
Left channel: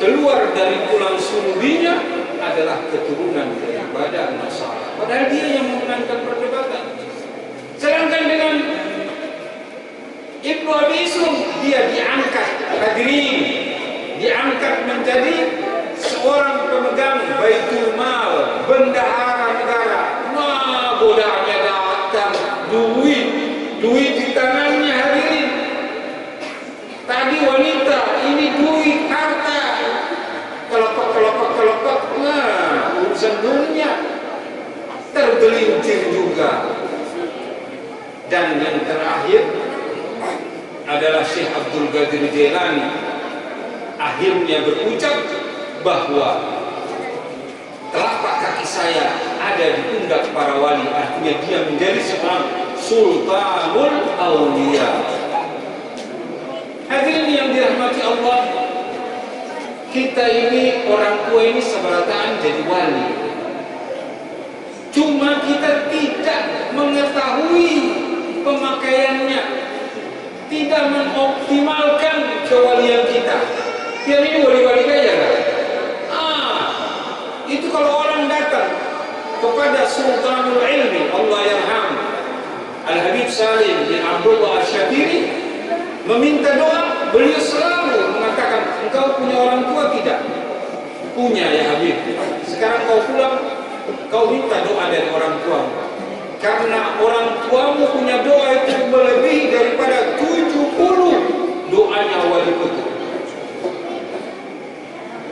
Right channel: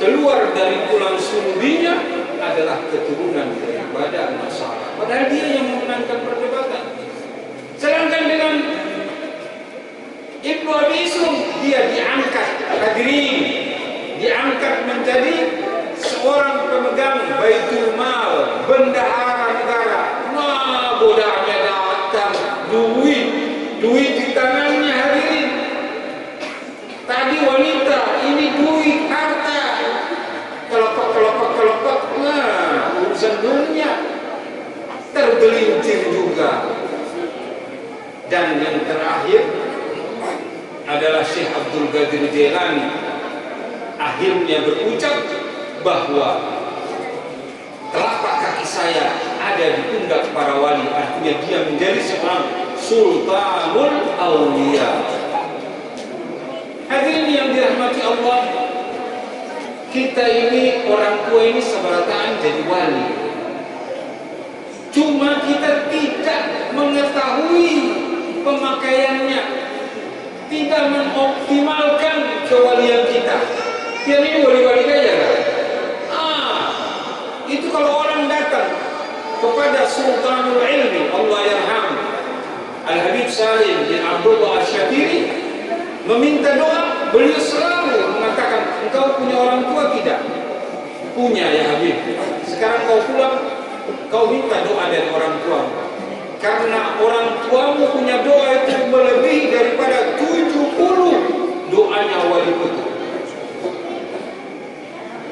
keluar dari tulang sulbinya adalah keturunan daripada Nasara. Padahal dia yang memenangkan perdebatan. Sedangkan dengan Ibnu Abi Isum, dia diangkat, hadirin, diangkat menjadi seorang pemegang Baitul Mal, bendahara negara. Nah, godanya datang, duit di tangannya, hadirin. Tadi wanita, ini duit, harta. Kelopak, nah, urusan dunia. Tergelincir juga. Dan yang terakhir adalah Syekh Abdul Qadir Jailani. Akhirnya berucap bahwa telapak kaki saya ada di pundak para wali. Artinya dia menjadi seorang Sultanul Aulia. Hadirin yang dirahmati Allah, kita ini orang tua ini seberataan jadi wali. Cuma kita tidak mengetahui pemakaiannya, tidak mengoptimalkan kewalian kita. Yang ini wali-wali kaya kan? Itu kalau orang datang kepada Sultanul Ilmi, Allah yarham, Al-Habib Salim bin Abdullah Asy-Syatiri, meminta doa, beliau selalu mengatakan, engkau punya orang tua tidak? Punya ya Habib. Sekarang kau pulang, kau minta doa dari orang tuamu. Karena orang tuamu punya doa itu melebihi daripada 70 doanya wali kutub.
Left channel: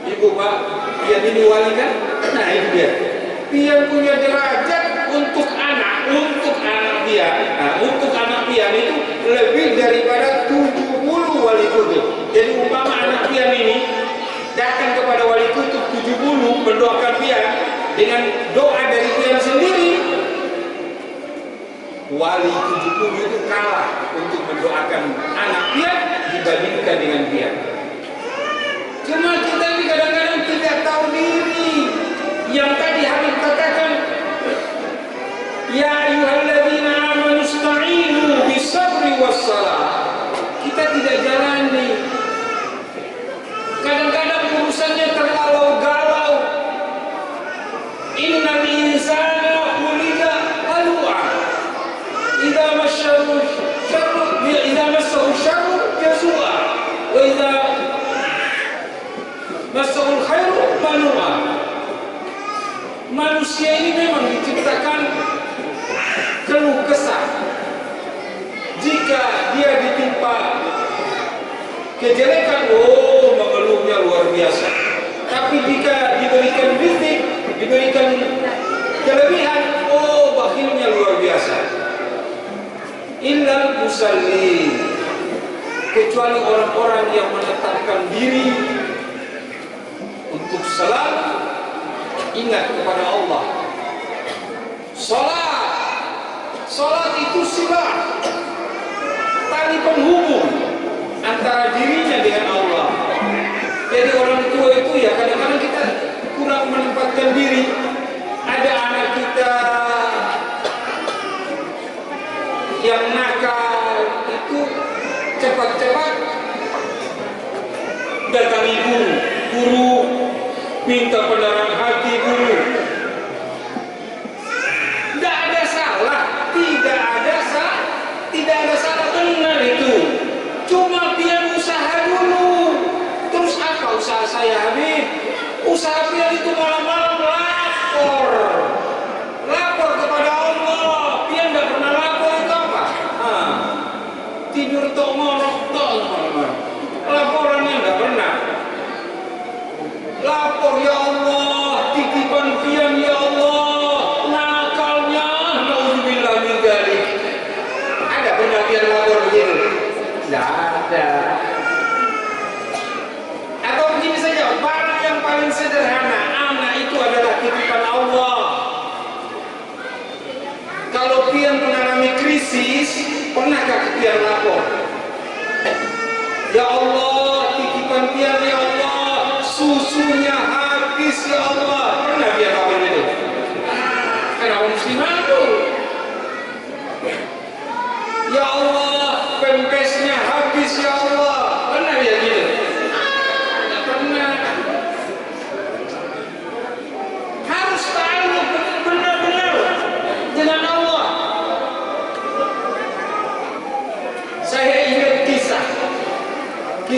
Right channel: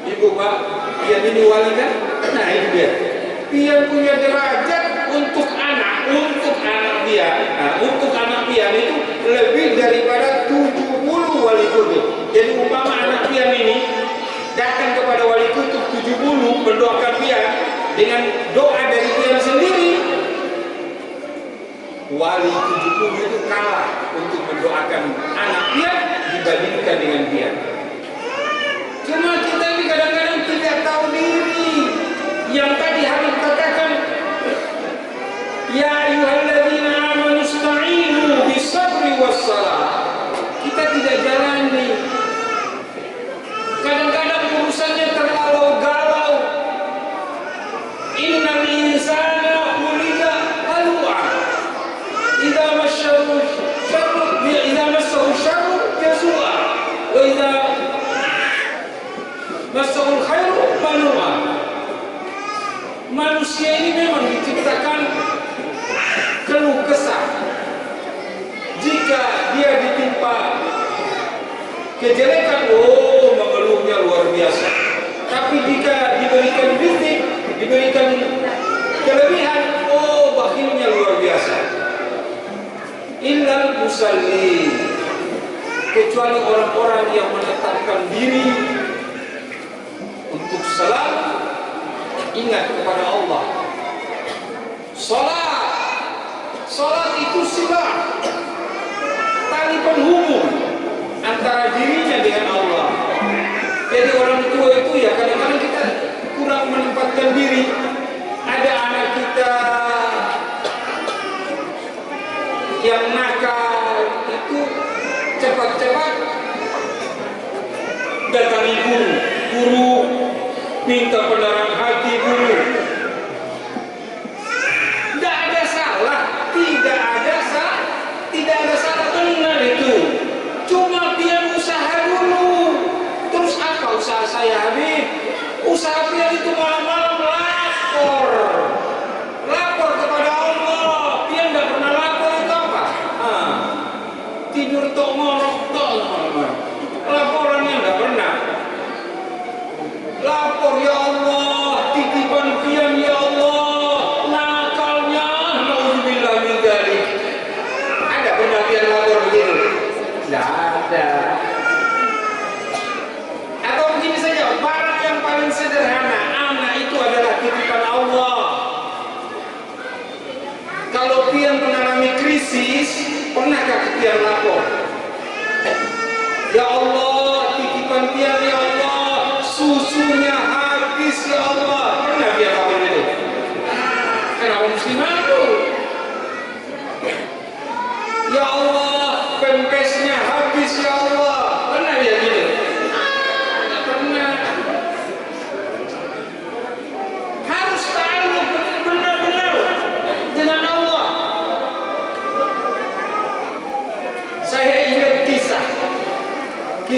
Ibu Pak, pian ini wali kan? Nah itu dia. Pian punya derajat untuk anak dia. Nah, untuk anak pian itu lebih daripada 70 wali kutub. Jadi umpama anak pian ini datang kepada wali kutub 70 mendoakan pian dengan doa dari pian sendiri, wali 70 itu kalah untuk mendoakan anak pian dibandingkan dengan pian. Cuma kita ini kadang-kadang tidak tahu diri. Yang tadi Habib katakan, ya ayyuhalladzina amanu ista'inu bisabri wassalah. Kita tidak jalani. Kadang-kadang urusannya terlalu galau. Innal insana khuliqa halu'a. Idza massahu syarru jazua. Wa idza massahu khairu manu'a. Manusia ini memang diciptakan keluh kesah. Jika dia ditimpa kejelekan, mengeluhnya luar biasa. Tapi jika diberikan rizki, diberikan kelebihan, bakhilnya luar biasa. Illal musallin, kecuali orang-orang yang menetapkan diri untuk selalu ingat kepada Allah. Salat itu silah, tali penghubung antara dirinya dengan Allah. Jadi orang tua itu ya kadang-kadang kita kurang menempatkan diri. Ada anak kita yang nakal itu cepat-cepat datangi guru, minta pendarah hati guru. Tidak ada salah, benar itu. Cuma dia usaha dulu. Terus apa usaha saya, Habib? Usaha dia itu malam-malam lapor kepada Allah. Dia tidak pernah lapor itu apa? Tidur tok ngorok tok malam-malam. Laporannya tidak pernah. Lapor, ya Allah, titipan dia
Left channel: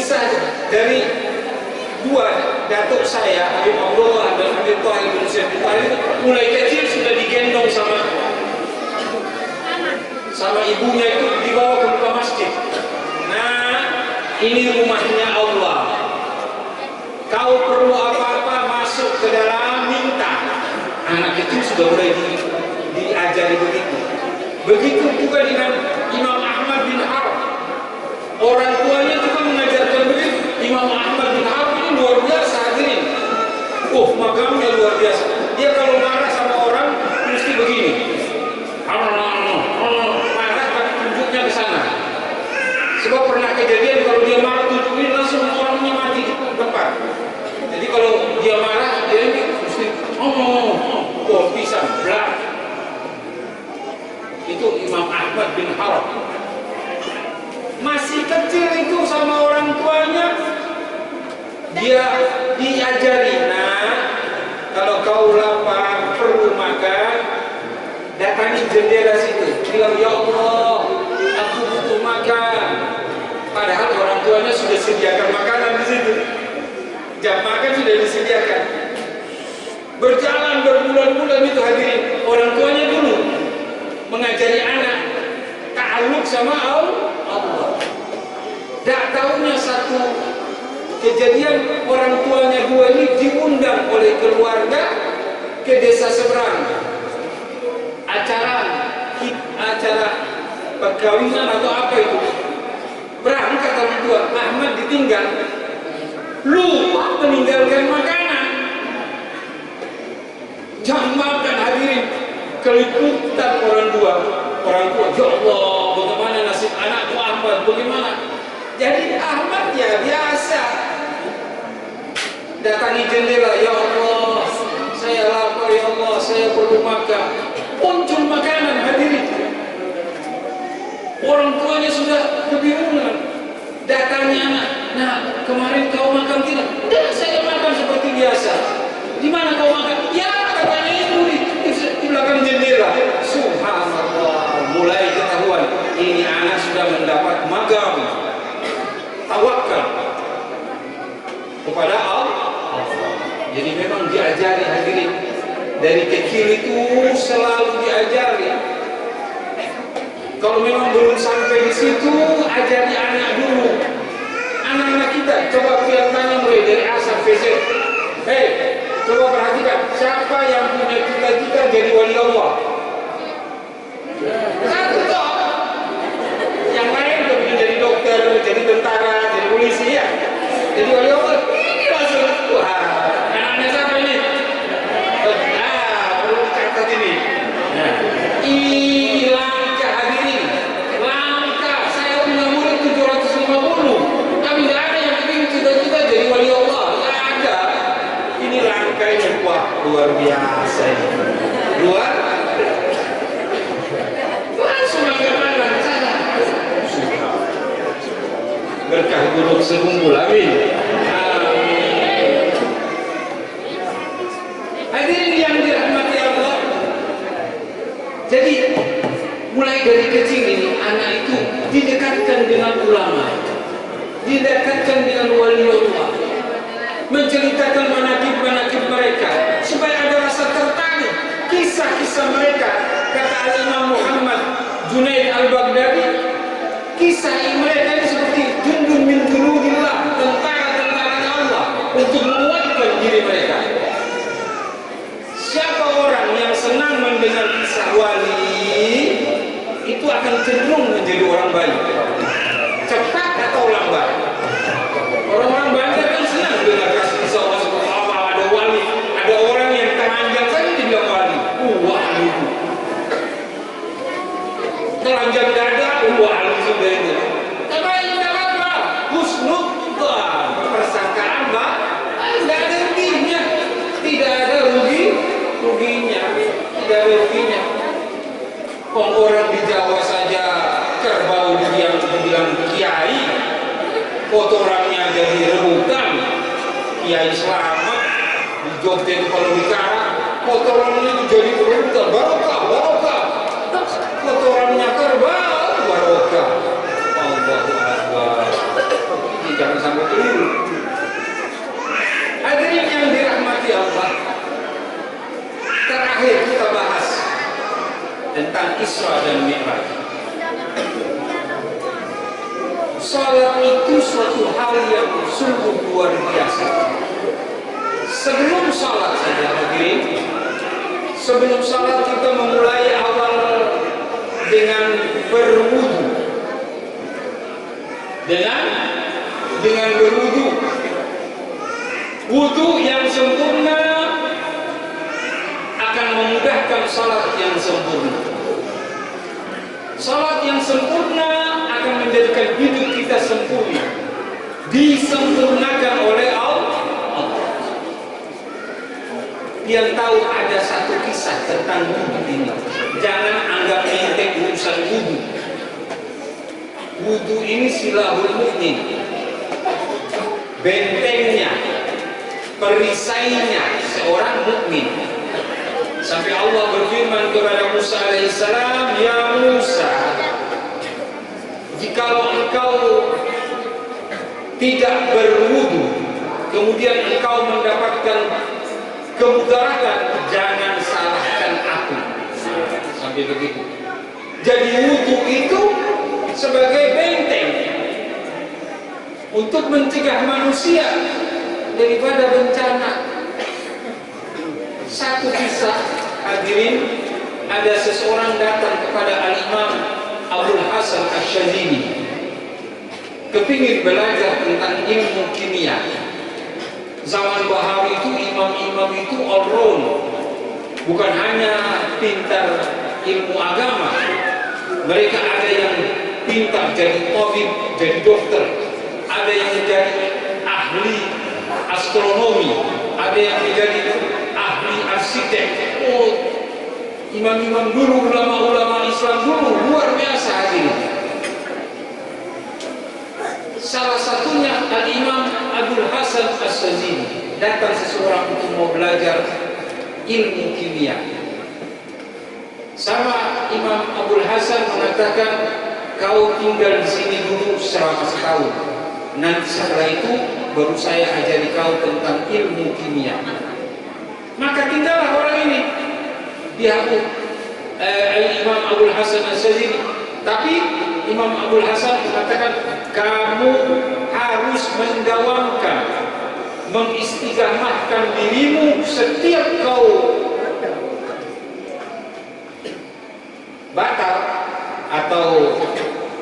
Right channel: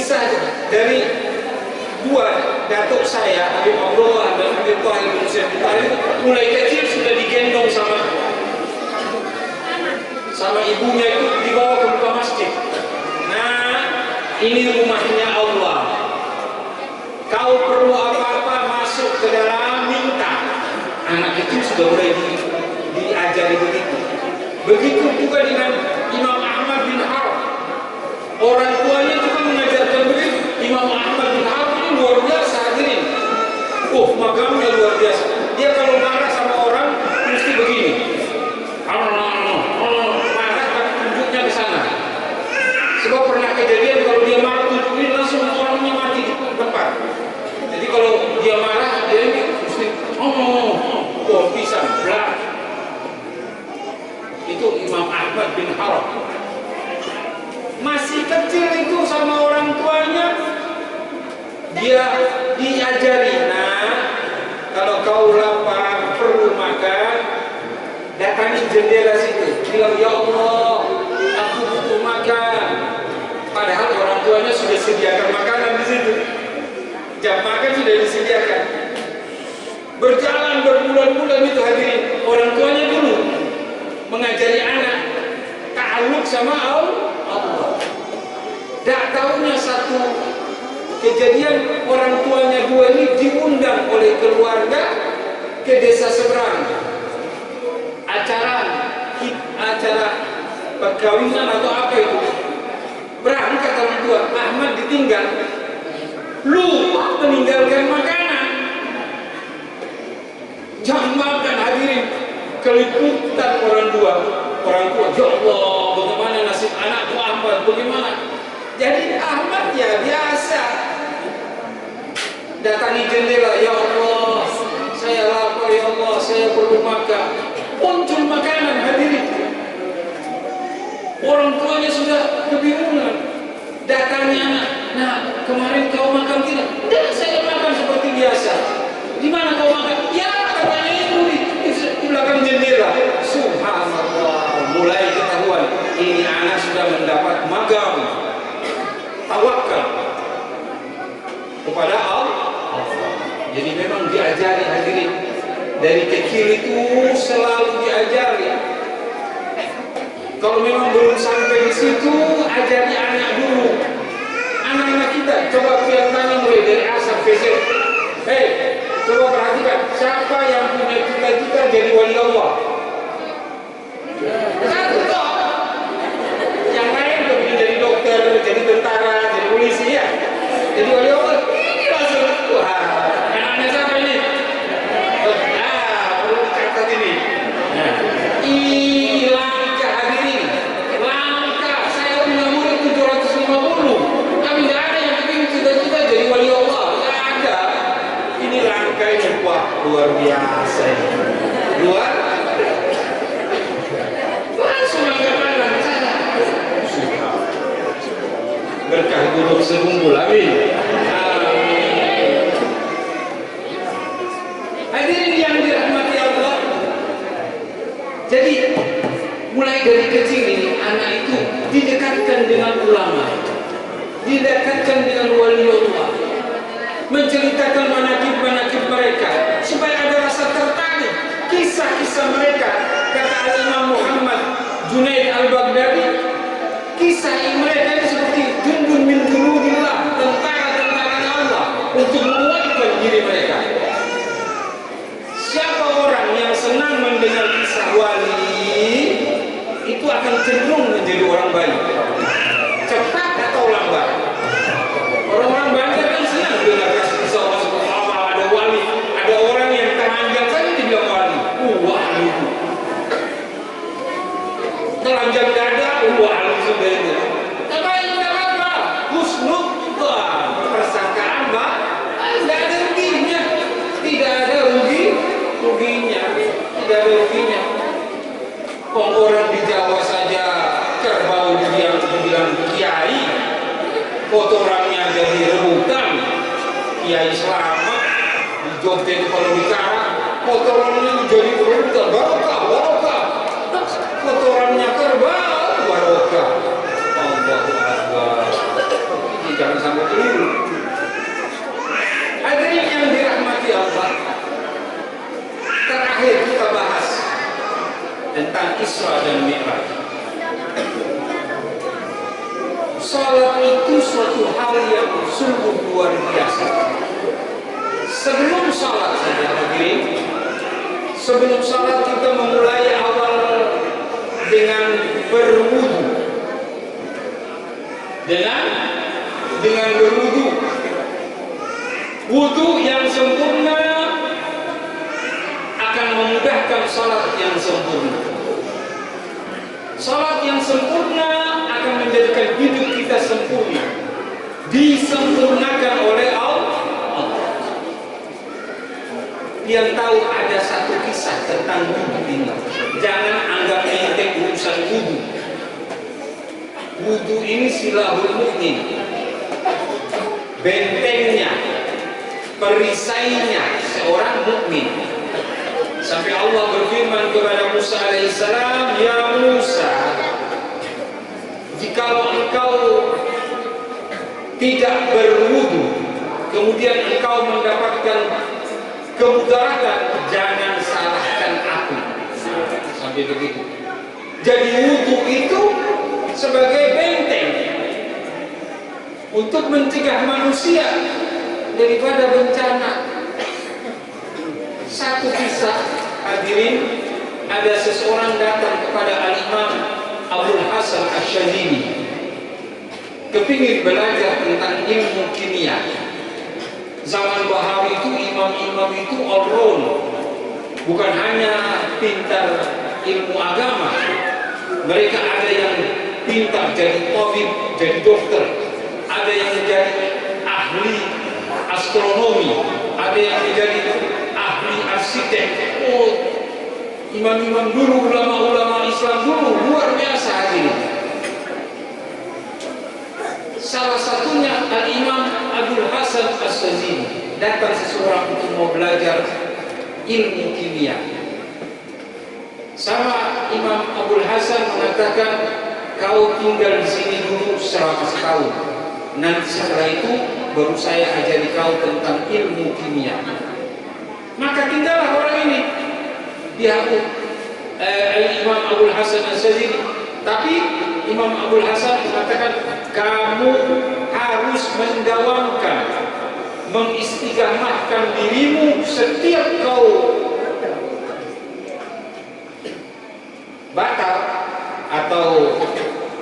kisah dari dua datuk saya, Habib Abdullah dan Habib Tahir bin Syed Tahir, mulai kecil sudah digendong sama ibunya, itu dibawa ke muka masjid. Nah, ini rumahnya Allah. Kau perlu apa-apa masuk ke dalam, minta. Anak kecil sudah mulai diajari begitu. Begitu juga dengan Imam Ahmad bin Harb. Orang tuanya juga mengajarkan begitu. Imam Ahmad bin Harb ini luar biasa hadirin. Makamnya luar biasa. Dia kalau marah sama orang mesti begini. Marah tapi tunjuknya ke sana. Sebab pernah kejadian kalau dia marah tunjukin langsung orangnya mati di depan. Jadi kalau dia marah dia ini mesti pisang belak. Itu Imam Ahmad bin Harb. Masih kecil itu sama orang tuanya dia diajari, kalau kau lapar perlu makan, datangi jendela situ, bilang ya Allah aku butuh makan. Padahal orang tuanya sudah sediakan makanan di situ, jam makan sudah disediakan. Berjalan berbulan-bulan itu hadirin, orang tuanya dulu mengajari anak ta'alluq sama Allah. Tak tahunya satu kejadian, orang tuanya dua ini diundang oleh keluarga ke desa seberang, acara perkawinan atau apa itu. Berangkat orang tua, Ahmad ditinggal, lupa meninggalkan makanan. Jangan makan hadirin, keliputan orang tua, ya Allah bagaimana nasib anakku Ahmad, bagaimana. Jadi Ahmad ya biasa datangi jendela, ya Allah saya lapar, ya Allah saya perlu makan. Muncul makanan hadirin. Orang tuanya sudah kebingungan. Datangi anak, kemarin kau makan tidak? Tidak, saya makan seperti biasa. Di mana kau makan? Ya katanya itu di belakang jendela. Subhanallah, mulai ketahuan ini anak sudah mendapat magam, tawakal kepada Allah. Jadi memang diajari hadirin dari kecil itu, selalu diajari. Kalau memang belum sampai di situ, ajari anak dulu. Anak-anak kita coba kelihatannya mulai dari A sampai Z. Coba perhatikan siapa yang punya cita-cita jadi wali Allah. Satu toh. Yang lain kepingin jadi dokter, jadi tentara, jadi polisi ya. Jadi wali Allah. Ini langsung anak-anak siapa ini? Perlu dicatat ini. Langka hadirin, langka. Saya punya murid 750, tapi nggak ada yang kepingin cita-cita jadi wali Allah. Nggak ada. Ini langka ini, luar biasa ini. Langsung angkat sana. Berkah gunung segumpul, amin. Hadirin yang dirahmati Allah. Jadi mulai dari kecil ini anak itu didekatkan dengan ulama, didekatkan dengan wali Allah, menceritakan manaqib-manaqib mereka supaya ada rasa tertarik kisah-kisah mereka. Kata Imam Muhammad Junaid Al-Baghdadi, kisah mereka ini seperti jundun min junudillah, tentara-tentara Allah untuk menguatkan diri mereka. Siapa orang yang senang mendengar kisah wali, itu akan cenderung menjadi orang baik, cepat atau lambat. Orang-orang banyak kan senang dengar kisah Allah seperti apa, ada wali, ada orang yang telanjang saja dibilang wali. Wali itu telanjang dada, wali sudah itu. Tapi tidak apa, husnudzan, persangkaan tidak ada ruginya, tidak ada ruginya. Orang di Jawa saja kerbau dibilang kiai, kotorannya jadi rebutan. Kiai selamat di Jogja itu kalau bicara kotorannya jadi rebutan, barokah. Kotorannya kerbau, barokah. Allahu Akbar. Ini jangan sampai Isra dan Mi'raj. Salat itu suatu hal yang sungguh luar biasa. Sebelum salat saja hadirin, sebelum salat kita memulai awal dengan berwudu. Dengan berwudu. Wudu yang sempurna akan memudahkan salat yang sempurna. Salat yang sempurna akan menjadikan hidup kita sempurna, disempurnakan oleh Allah. Yang tahu ada satu kisah tentang wudu ini. Jangan anggap enteng urusan wudu. Wudu ini silahul mukmin, bentengnya, perisainya seorang mukmin. Sampai Allah berfirman kepada Musa alaihissalam, ya Musa, jikalau engkau tidak berwudu, kemudian engkau mendapatkan kemudaratan, jangan salahkan aku. Sampai begitu. Jadi wudu itu sebagai benteng untuk mencegah manusia daripada bencana. Satu kisah hadirin, ada seseorang datang kepada Al-Imam Abdul Hasan Asyadzili, kepingin belajar tentang ilmu kimia. Zaman Bahawi itu imam-imam itu all round, bukan hanya pintar ilmu agama. Mereka ada yang pintar jadi tabib, jadi dokter, ada yang menjadi ahli astronomi, ada yang menjadi ahli arsitek. Oh, imam-imam dulu, ulama-ulama Islam dulu luar biasa hadirin. Salah satunya Al-Imam Abdul Hasan Asyadzili. Datang seseorang untuk mau belajar ilmu kimia. Sama Imam Abdul Hasan mengatakan, kau tinggal di sini dulu selama setahun. Nanti setelah itu baru saya ajari kau tentang ilmu kimia. Maka tinggallah orang ini. Dia Imam Abdul Hasan Asyadzili. Tapi Imam Abdul Hasan mengatakan, kamu harus mendawamkan, mengistiqamahkan dirimu setiap kau batal atau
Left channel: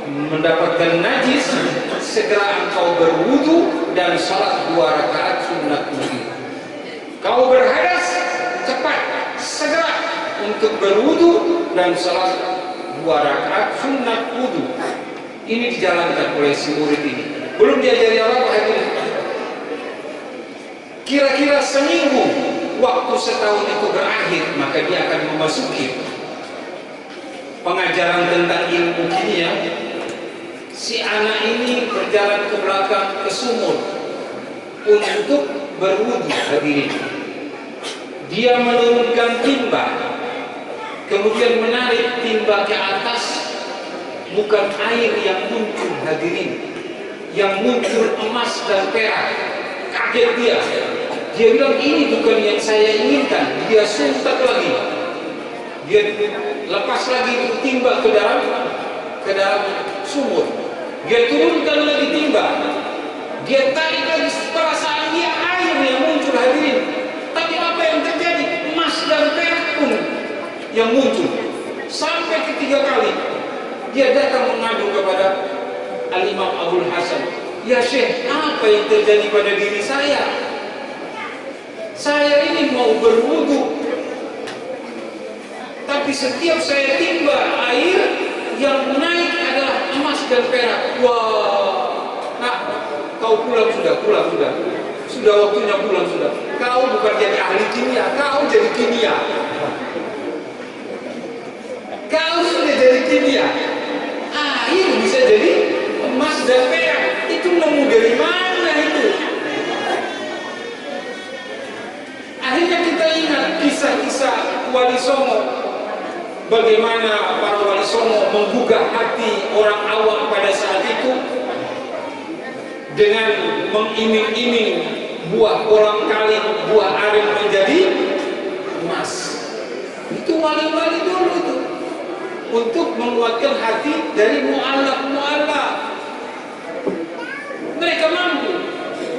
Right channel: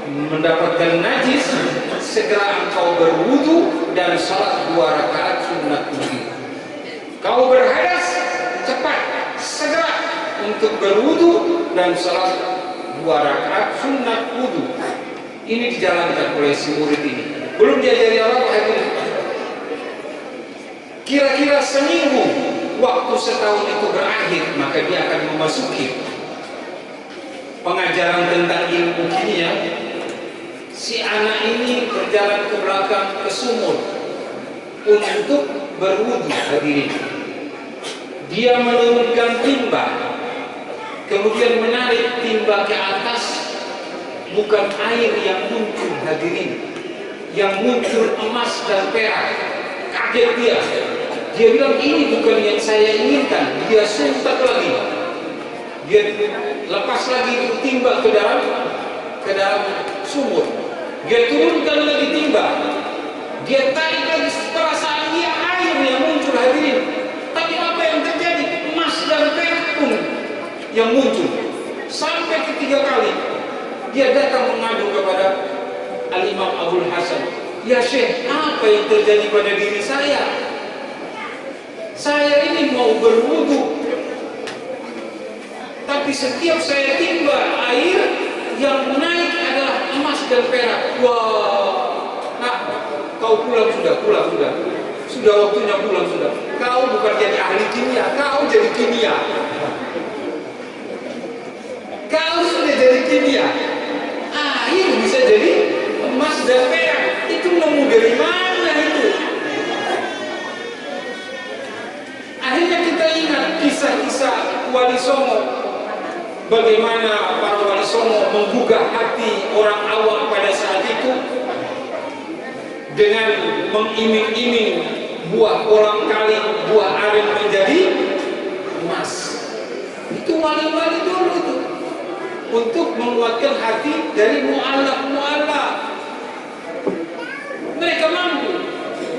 mendapatkan najis, segera engkau berwudu dan salat 2 rakaat sunat wudu. Kau berhadas, cepat segera untuk berwudu dan salat 2 rakaat sunat wudu. Ini dijalankan oleh si murid ini. Belum diajari apa-apa itu. Kira-kira seminggu waktu setahun itu berakhir, maka dia akan memasuki pengajaran tentang ilmu kimia. Si anak ini berjalan ke belakang ke sumur untuk berwudu hadirin. Dia menurunkan timba, kemudian menarik timba ke atas. Bukan air yang muncul hadirin, yang muncul emas dan perak. Kaget dia. Dia bilang ini bukan yang saya inginkan. Dia suntak lagi. Dia lepas lagi timba ke dalam sumur. Dia turunkan lagi timba. Dia tarik lagi, perasaan dia air yang muncul hadirin. Tapi apa yang terjadi? Emas dan perak pun yang muncul. Sampai ketiga kali dia datang mengadu kepada Al-Imam Abdul Hasan. Ya Syekh, apa yang terjadi pada diri saya? Saya ini mau berwudu, tapi setiap saya timba air yang naik adalah emas dan perak. Wah, nah, kau pulang sudah. Sudah waktunya pulang sudah. Kau bukan jadi ahli kimia, kau jadi kimia. Kau sudah jadi kimia. Air bisa jadi emas dan perak. Itu nemu dari mana itu? Akhirnya kita ingat kisah-kisah Wali Songo. Bagaimana para Wali Songo menggugah hati orang awam pada saat itu dengan mengiming-iming buah kolang kaling, buah aren menjadi emas. Itu wali-wali dulu itu. untuk menguatkan hati dari mu'allaf. Mereka mampu.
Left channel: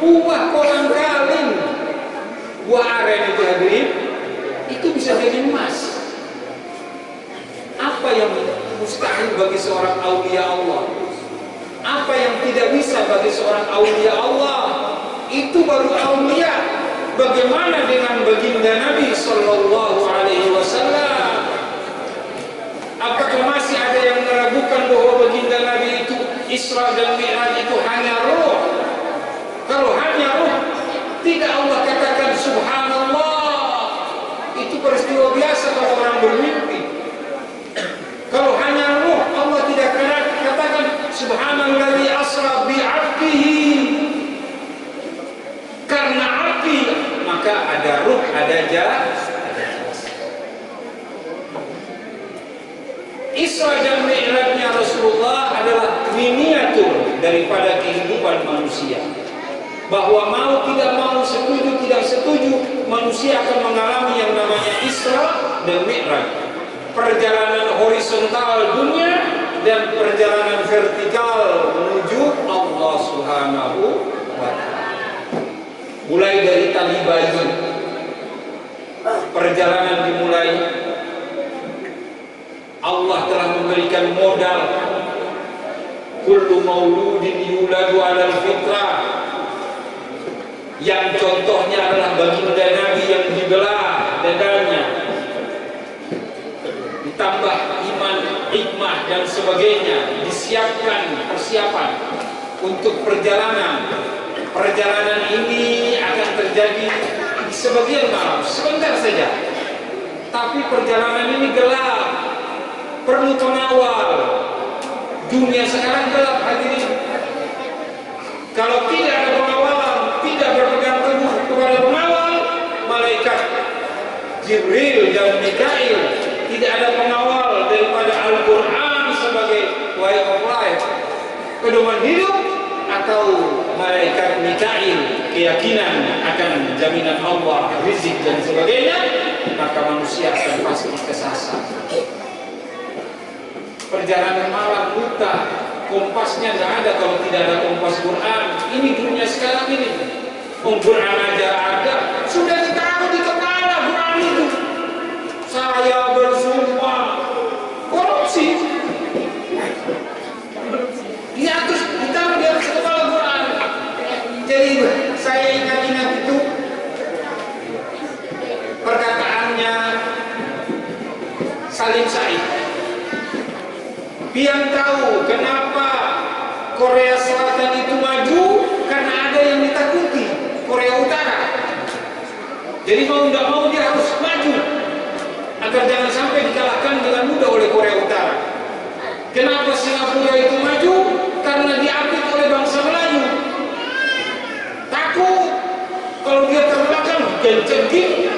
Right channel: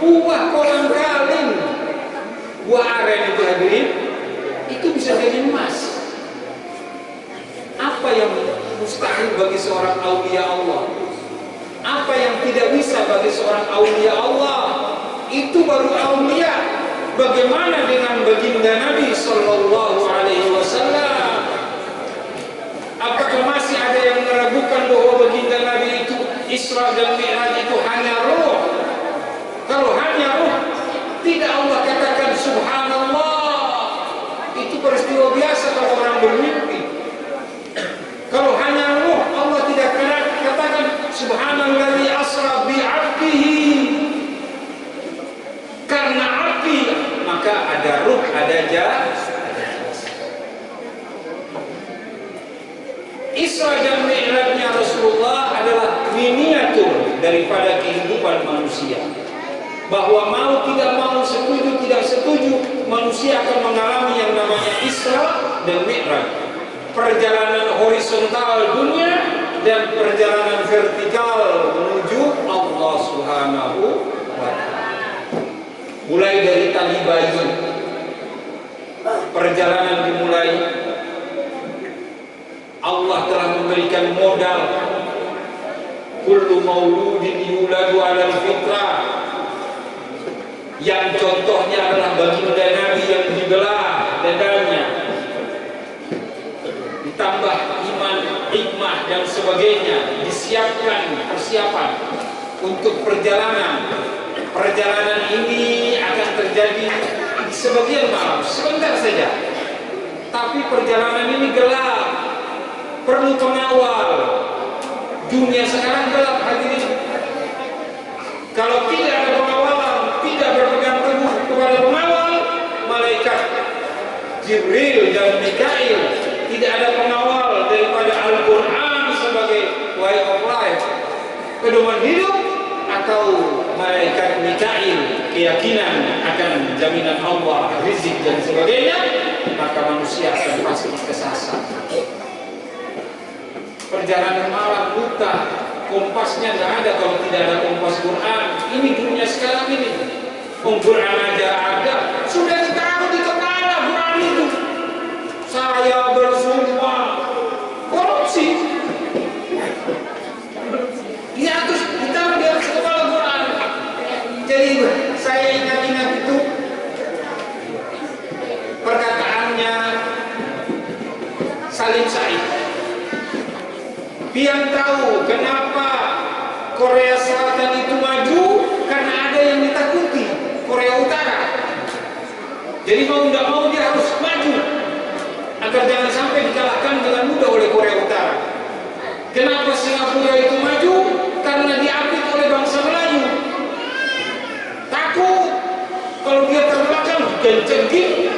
Buah kolang kaling, buah aren itu hadirin, itu bisa jadi emas. Apa yang mustahil bagi seorang aulia Allah? Apa yang tidak bisa bagi seorang aulia Allah? Itu baru aulia. Bagaimana dengan baginda Nabi Sallallahu Alaihi Wasallam? Apakah masih ada yang meragukan bahwa baginda Nabi itu Isra dan Mi'raj itu hanya roh? Kalau hanya roh, tidak Allah katakan Subhanallah. Itu peristiwa biasa kalau orang bermimpi. Kalau hanya roh, Allah tidak katakan Subhanalladzi asra bi'abdihi. Karena api, maka ada ruh, ada jasad. Isra dan Mi'rajnya Rasulullah adalah miniatur daripada kehidupan manusia. Bahwa mau tidak mau, setuju tidak setuju, manusia akan mengalami yang namanya Isra dan Mi'raj. Perjalanan horizontal dunia dan perjalanan vertikal menuju Allah Subhanahu wa Ta'ala. Mulai dari tali bayi, perjalanan dimulai. Allah telah memberikan modal. Kullu mauludin yuladu 'alal fitrah. Yang contohnya adalah baginda Nabi yang dibelah dadanya, ditambah iman, hikmah dan sebagainya, disiapkan persiapan untuk perjalanan. Perjalanan ini akan terjadi di sebagian malam, sebentar saja. Tapi perjalanan ini gelap, perlu pengawal. Dunia sekarang gelap hadirin. Kalau tidak ada pengawalan, tidak berpegang teguh kepada pengawal, malaikat Jibril dan Mikail, tidak ada pengawal daripada Al-Quran sebagai way of life, pedoman hidup, atau malaikat Mikail, keyakinan akan jaminan Allah, rizki dan sebagainya, maka manusia akan pasti kesasar. Perjalanan malam buta, kompasnya tidak ada kalau tidak ada kompas Quran. Ini dunia sekarang ini. Quran aja ada, sudah ditaruh di kepala Quran itu. Saya bersumpah, korupsi. Ditaruh di atas kepala Quran. Jadi saya ingat-ingat itu perkataannya Salim Said. Pian tahu kenapa Korea Selatan itu maju, karena ada yang ditakuti Korea Utara. Jadi mau tidak mau dia harus maju agar jangan sampai dikalahkan dengan mudah oleh Korea Utara. Kenapa Singapura itu maju? Karena diapit oleh bangsa Melayu. Takut kalau dia terbelakang kencengin,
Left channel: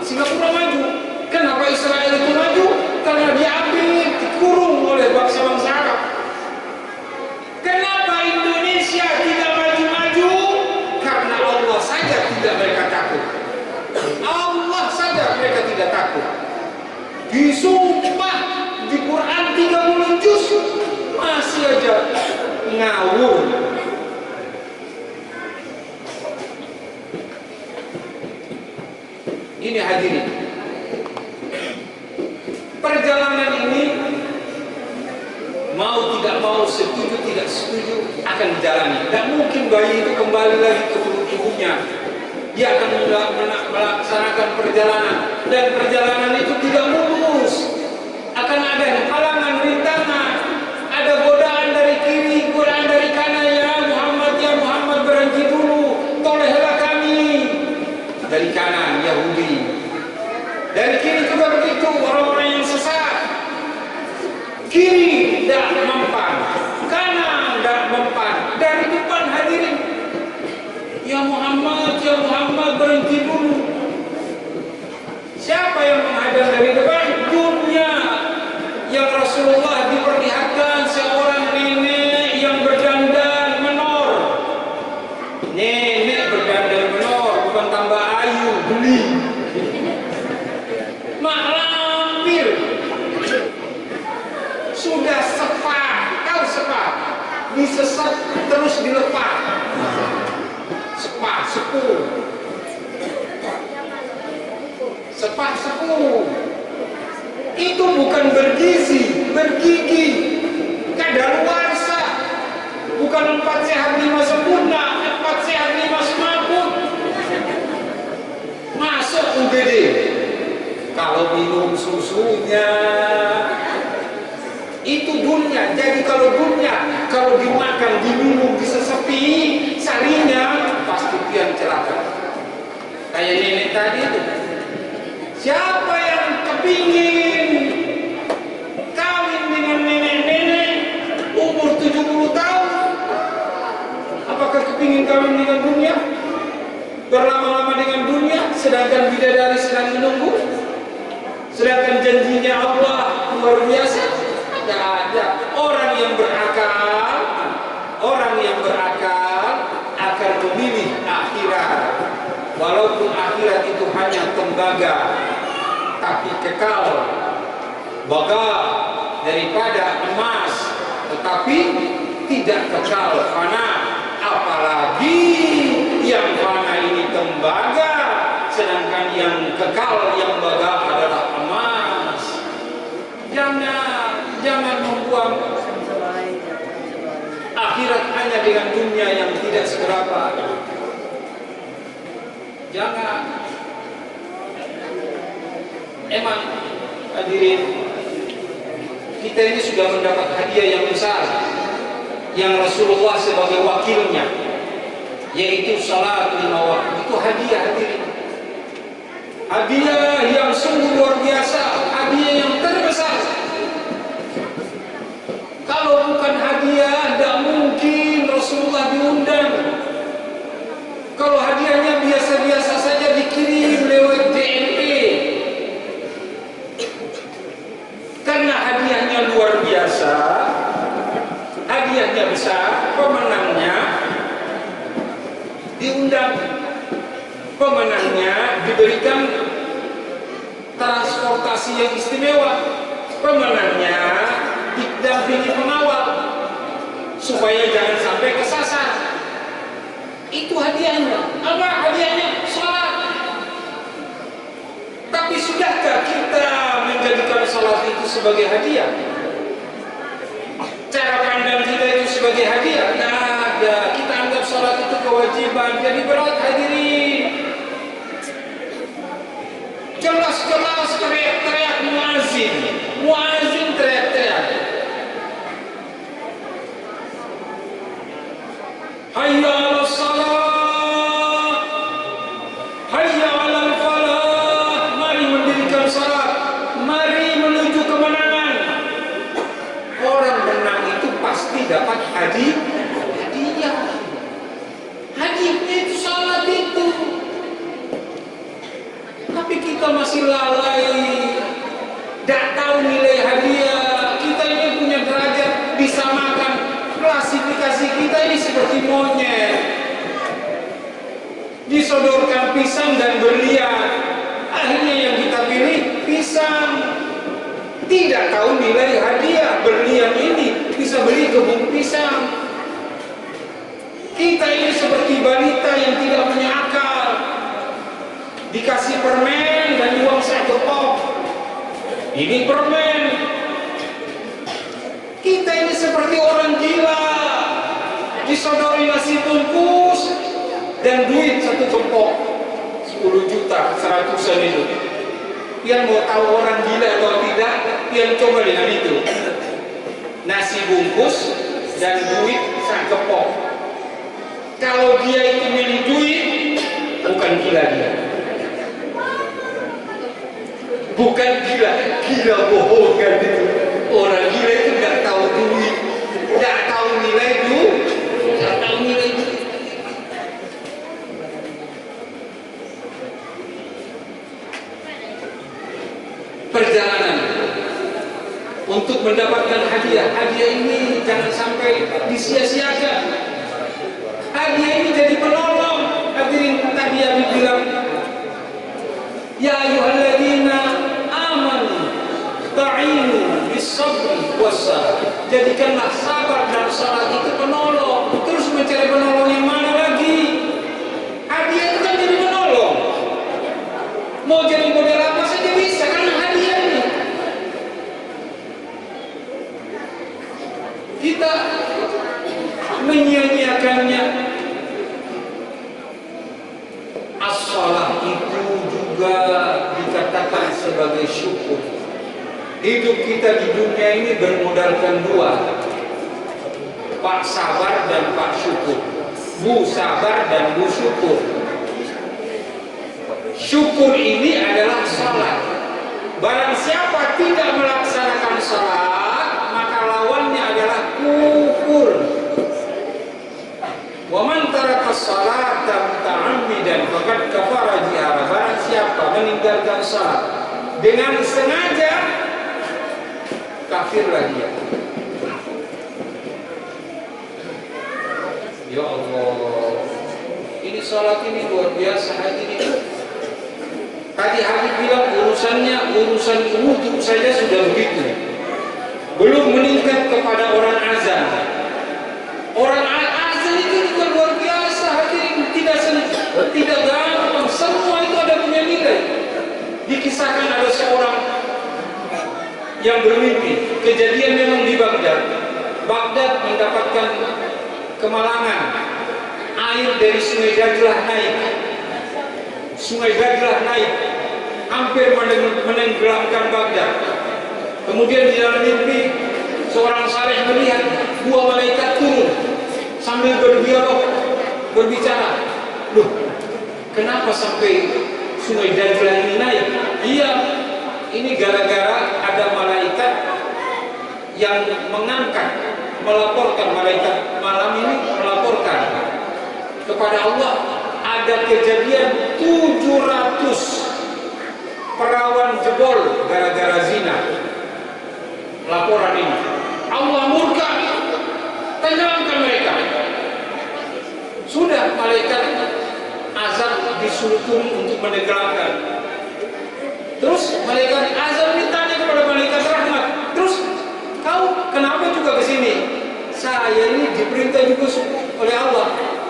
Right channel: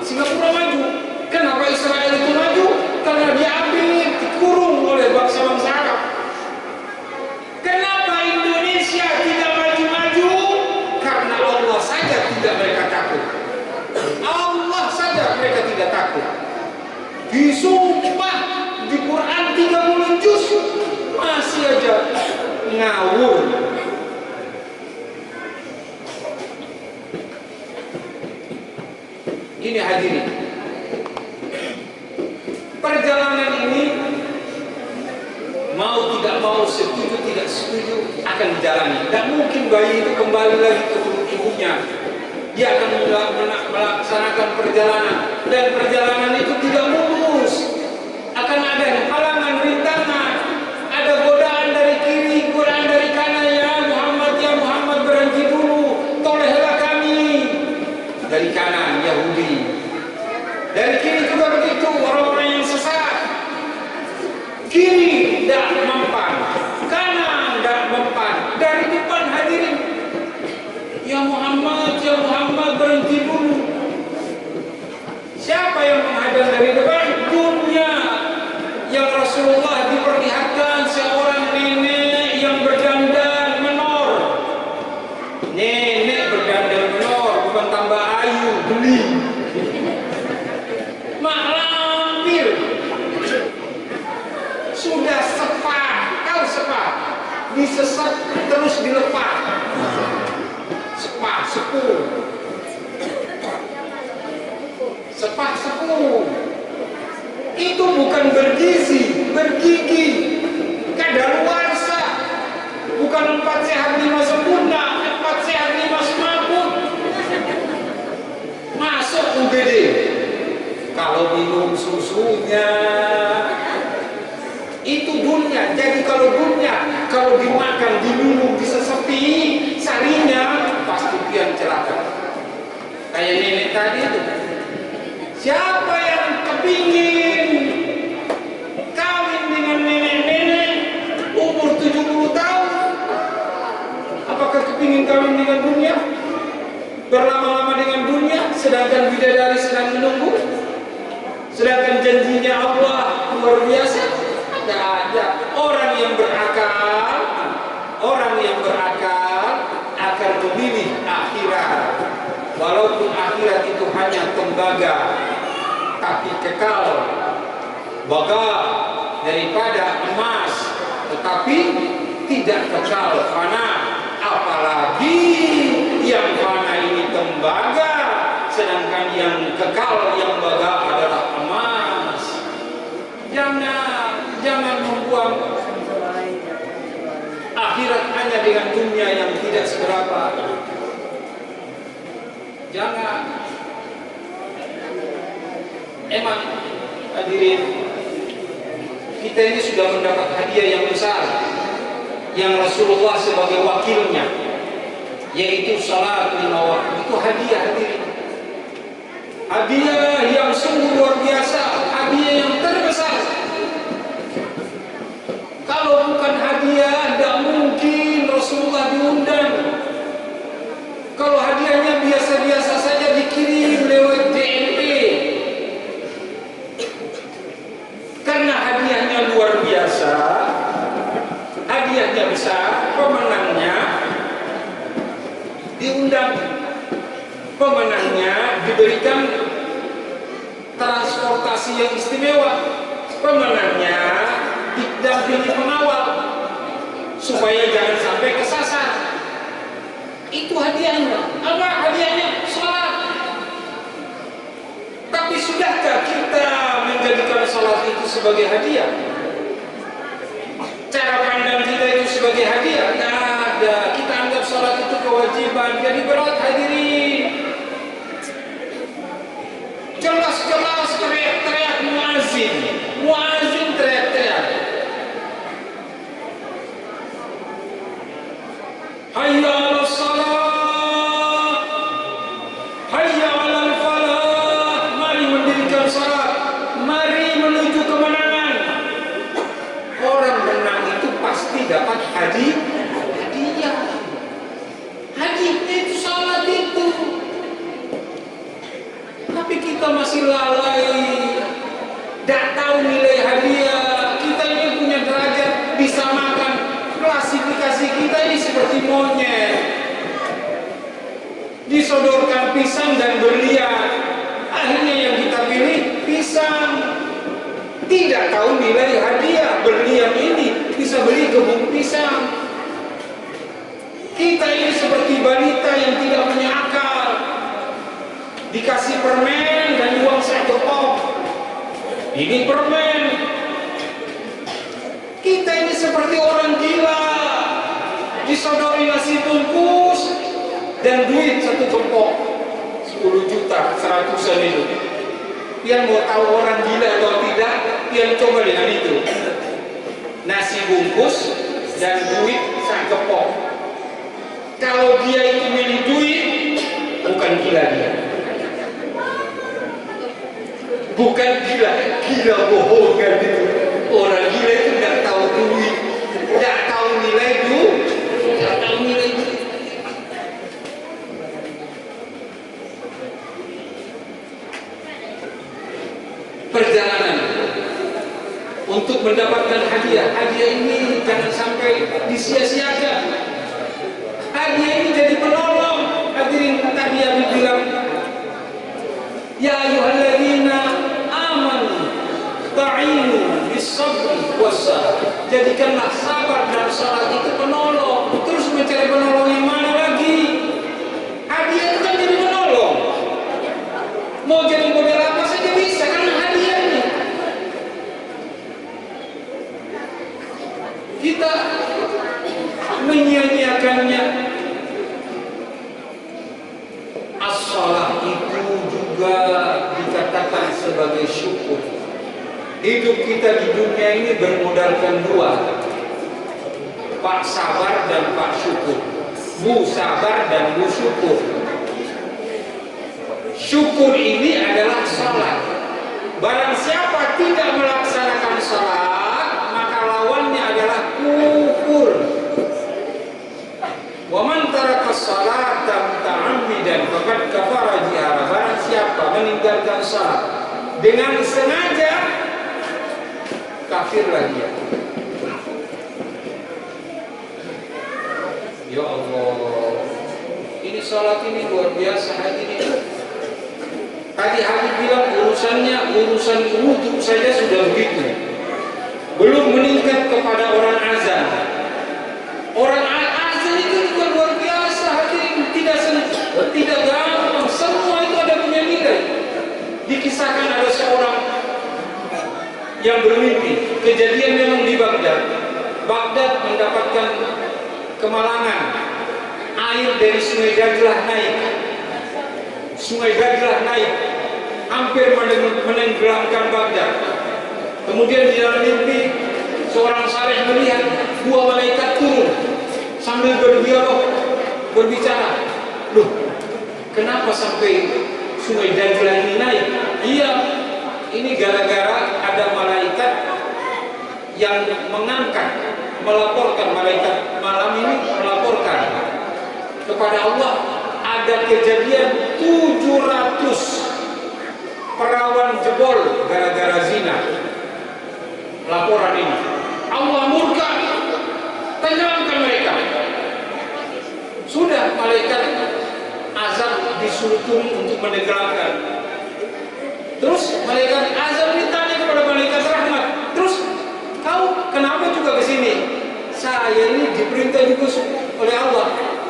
Singapura maju. Kenapa Israel itu maju? Karena diapit, dikurung oleh bangsa-bangsa Arab. Kenapa Indonesia tidak maju-maju? Karena Allah saja tidak mereka takut. Allah saja mereka tidak takut. Disumpah di Quran 30 juz masih aja ngawur. Ini hadirin, perjalanan ini mau tidak mau, setuju tidak setuju akan dijalani. Dan mungkin bayi itu kembali lagi ke perut ibunya. Dia akan melaksanakan perjalanan, dan perjalanan itu tidak mulus. Akan ada halangan, rintangan, ada godaan dari kiri, godaan dari kanan. Ya Muhammad berhenti dulu, tolehlah kami. Dari kanan Yahudi, dari kiri juga begitu, orang-orang yang sesat. Kiri tidak mempan, kanan tidak mempan, dari depan hadirin. Ya Muhammad berhenti dulu. Siapa yang menghadang dari depan? Dunia. Yang Rasulullah diperlihatkan seorang nenek yang berdandan menor. Nenek berdandan menor, bukan tambah ayu, beli. Mak lampir. terus dilepas. Sepuh. Itu bukan bergizi, bergigi, kadaluarsa. Bukan 4 sehat 5 sempurna, 4 sehat 5 semaput. Masuk UGD. Kalau minum susunya, itu dunia. Jadi kalau dunia, kalau dimakan, diminum, disesepi, sarinya pasti pian celaka. Kayak nenek tadi itu. Siapa yang kepingin kawin dengan nenek-nenek umur 70 tahun? Apakah kepingin kawin dengan dunia? Berlama-lama dengan dunia, sedangkan bidadari sedang menunggu? Sedangkan janjinya Allah luar biasa? Tidak ada. Orang yang berakal akan memilih akhirat. Walaupun akhirat itu hanya tembaga, tapi kekal, baga daripada emas, tetapi tidak kekal, fana. Apalagi yang fana ini tembaga, sedangkan yang kekal, yang baga adalah emas. Jangan membuang akhirat hanya dengan dunia yang tidak seberapa. Jangan. Emang hadirin, kita ini sudah mendapat hadiah yang besar, yang Rasulullah sebagai wakilnya, yaitu salat 5 waktu. Itu hadiah, hadirin. Hadiah yang sungguh luar biasa, hadiah yang terbesar. Kalau bukan hadiah, tidak mungkin Rasulullah diundang. Kalau hadiahnya biasa-biasa saja, dikirim lewat DNP. Karena hadiahnya luar biasa, hadiahnya besar, pemenangnya diundang. Pemenangnya diberikan transportasi yang istimewa. Pemenangnya didampingi pengawal supaya jangan sampai kesasar. Itu hadiahnya. Apa hadiahnya? Salat. Tapi sudahkah kita menjadikan salat itu sebagai hadiah? Cara pandang kita itu sebagai hadiah? Tidak ada. Kita anggap salat itu kewajiban. Jadi berat, hadirin. Jelas-jelas teriak-teriak muazin. Muazin teriak-teriak. Hayya 'alas salat, hayya 'alal falah. Mari mendirikan salat, mari menuju kemenangan. Orang menang itu pasti dapat hadiah. Hadiahnya itu salat itu. Tapi kita masih lalai, tidak tahu nilai hadiah. Kita ini punya derajat, bisa makan. Klasifikasi kita ini seperti monyet, disodorkan pisang dan berlian. Akhirnya yang kita pilih pisang. Tidak tahu nilai hadiah. Berlian ini bisa beli kebun pisang. Kita ini seperti balita yang tidak punya akal, dikasih permen dan uang 1 kop. Ini permen. Kita ini seperti orang gila, disodori nasi bungkus dan duit 1 gempok, 10 juta, 100-an itu. Pian mau tahu orang gila atau tidak, pian coba dengan itu. Nasi bungkus dan duit 1 gempok. Kalau dia itu milih duit, bukan gila dia. Bukan gila, gila bohongan itu. Orang gila itu tidak tahu duit, tidak tahu nilai duit, tidak tahu nilai duit. Perjalanan untuk mendapatkan hadiah. Hadiah ini jangan sampai disia-siakan. Hadiah ini jadi penolong. Hadirin, tadi Abi bilang, ya ayyuhalladzina amanu ta'inu bis-sabri was-salah. Jadikanlah sabar dan salat itu penolong. Terus sebagai syukur. Hidup kita di dunia ini bermodalkan dua, Pak sabar dan Pak syukur. Bu sabar dan Bu syukur. Syukur ini adalah salat. Barang siapa tidak melaksanakan salat, maka lawannya adalah kufur. Wa man taraka salata muta'ammidan faqad kafara biha. Barang siapa meninggalkan salat dengan sengaja, kafirlah dia. Ya Allah, ini salat ini luar biasa hadirin. Tadi Habib bilang urusan wudhu saja sudah begitu, belum meningkat kepada orang azan. Orang azan itu juga luar biasa hadirin, tidak gampang, semua itu ada punya nilai. Dikisahkan ada seorang yang bermimpi, kejadian memang di Baghdad. Baghdad mendapatkan kemalangan, air dari Sungai Dajlah naik. Sungai Dajlah naik, hampir menenggelamkan Baghdad. Kemudian di dalam mimpi, seorang saleh melihat dua malaikat turun sambil berdialog, berbicara. Loh, kenapa sampai Sungai Dajlah ini naik? Iya, ini gara-gara ada malaikat yang melaporkan, malaikat malam ini melaporkan kepada Allah ada kejadian 700 perawan jebol gara-gara zina. Laporan ini Allah murka, tenggelamkan mereka. Sudah malaikat azab disuruh turun untuk menenggelamkan. Terus malaikat azab ditanya kepada malaikat rahmat, terus kau kenapa juga ke sini? Saya ini diperintah juga oleh Allah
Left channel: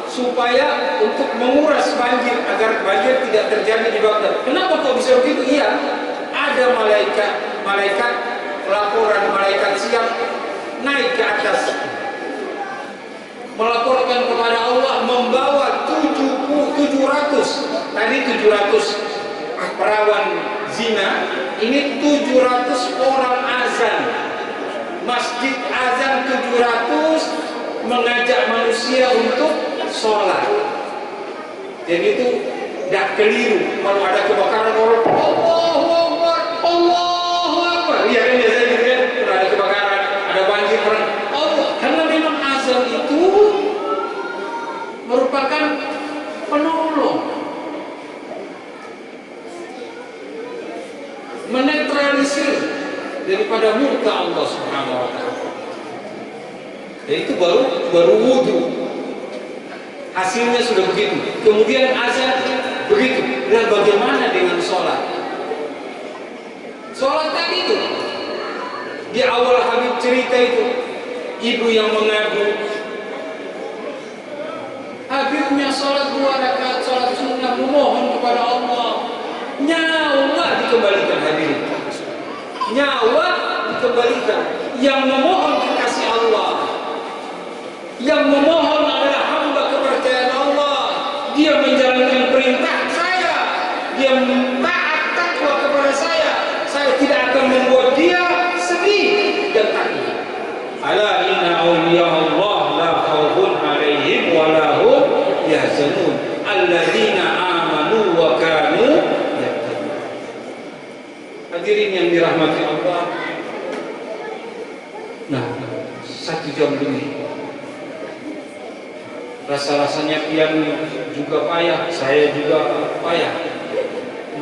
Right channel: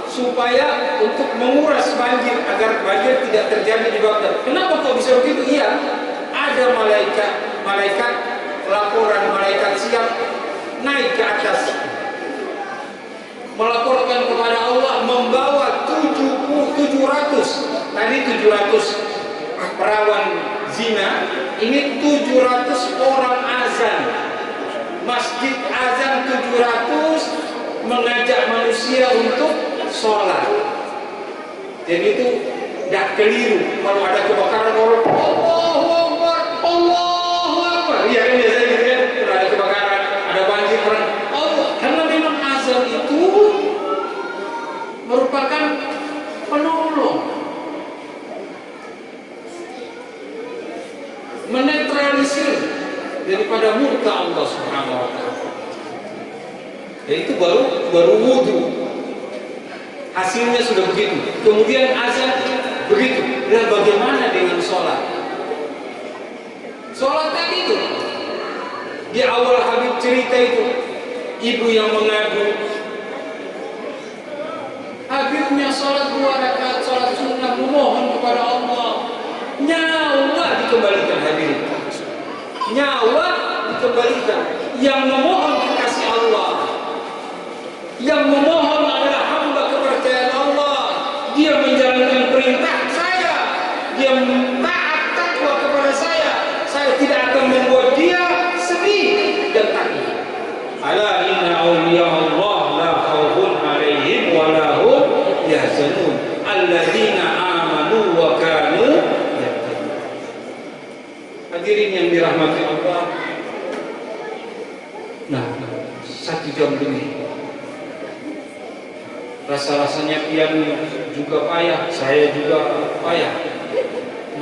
supaya untuk menguras banjir agar banjir tidak terjadi di Baghdad. Kenapa kok bisa begitu? Iya, ada malaikat laporan, malaikat siap naik ke atas melaporkan kepada Allah, membawa 700 tadi 700 perawan zina, ini 700 orang azan, masjid azan 700 mengajak manusia untuk sholat. Jadi itu tidak keliru kalau ada kebakaran orang Allahu Akbar, Allahu Akbar. Iya kan biasanya gitu kan, kalau ada kebakaran, ada banjir orang Allah. Karena memang azan itu merupakan penolong, menetralisir daripada murka Allah Subhanahu wa taala. Dan itu baru wudhu. Hasilnya sudah begitu. Kemudian azan begitu. Dan bagaimana dengan sholat? Sholat tadi itu di awal Habib cerita itu, ibu yang mengadu, Habibnya sholat 2 rakaat sholat sunnah, memohon kepada Allah, nyawa dikembalikan hadirin. Nyawa dikembalikan. Yang memohon kekasih Allah, yang memohon adalah hamba kepercayaan Allah. Dia menjalankan perintah saya, dia taat takwa kepada saya tidak akan membuat dia sedih dan takut. Ala inna awliya Allah la khawfun alaihim wa la hum yahzanun alladzina amanu wa kanu yattaqun. Hadirin yang dirahmati Allah. Nah, 1 jam lebih. Rasa-rasanya pian juga payah, saya juga payah.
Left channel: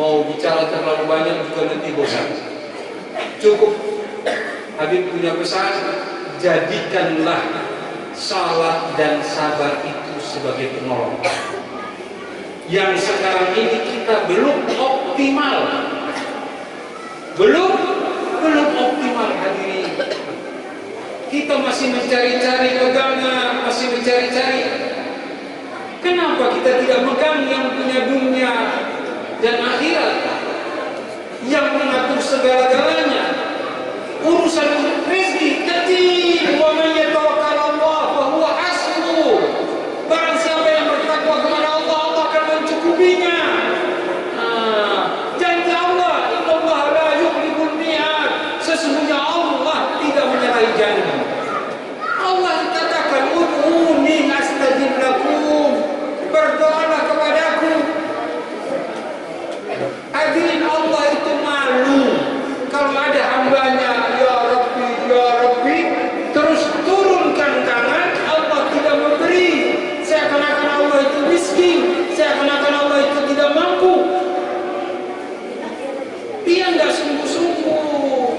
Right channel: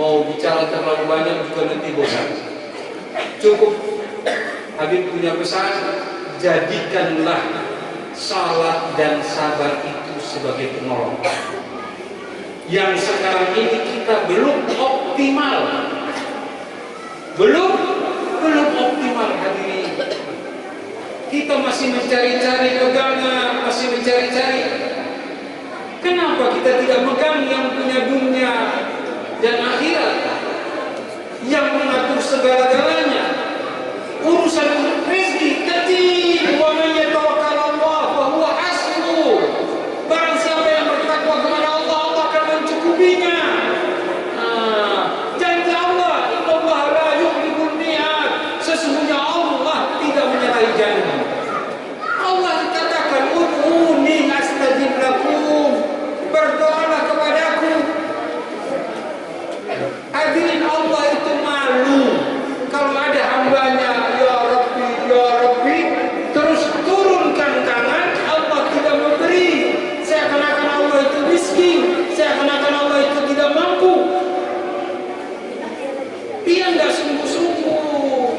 Mau bicara terlalu banyak juga nanti bosan. Cukup Habib punya pesan, jadikanlah salat dan sabar itu sebagai penolong. Yang sekarang ini kita belum optimal. Belum optimal hadirin. Kita masih mencari-cari pegangan, masih mencari-cari. Kenapa kita tidak megang yang punya dunia dan akhirat, yang mengatur segala-galanya? Urusan rezeki kecil, wa man yatawakkal Allah fa huwa hasbuh. Barang siapa yang bertakwa kepada Allah, Allah akan mencukupinya. Janji Allah, innallaha la dia nggak sungguh-sungguh.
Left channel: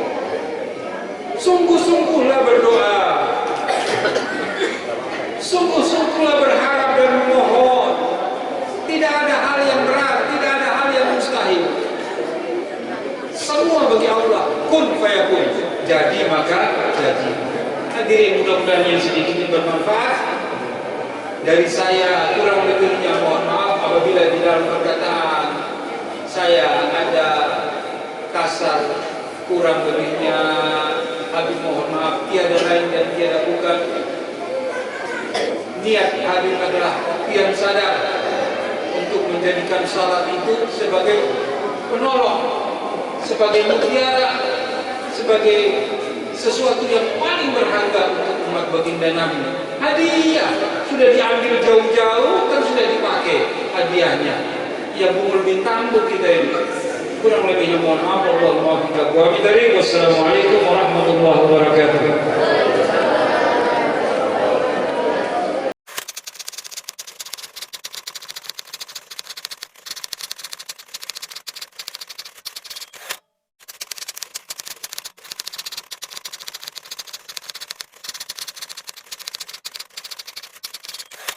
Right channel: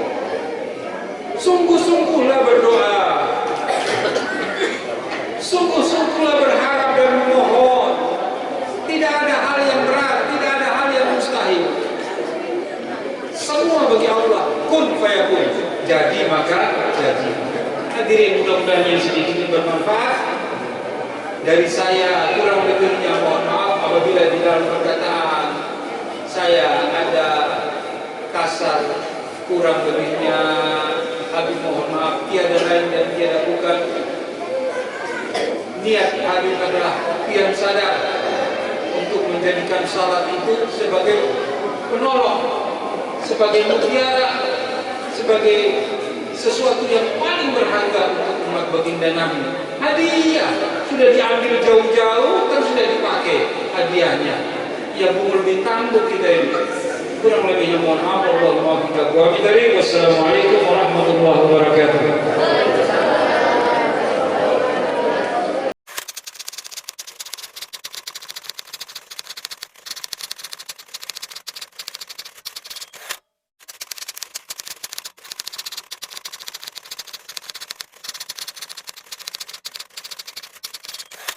Sungguh-sungguhlah berdoa, sungguh-sungguhlah berharap dan memohon. Tidak ada hal yang berat, tidak ada hal yang mustahil. Semua bagi Allah, kun fayakun, jadi maka jadi. Hadirin, mudah-mudahan yang sedikit ini bermanfaat. Dari saya kurang lebihnya mohon maaf apabila di dalam perkataan saya ada kasar, kurang lebihnya Habib mohon maaf, tiada lain dan tiada bukan. Niat Habib adalah pian sadar untuk menjadikan salat itu sebagai penolong, sebagai mutiara, sebagai sesuatu yang paling berharga untuk umat baginda Nabi. Hadiah sudah diambil jauh-jauh, kan sudah dipakai hadiahnya. Ya bungul bintangku kita ini. Kurang lebihnya mohon maaf. Wassalamualaikum warahmatullahi wabarakatuh.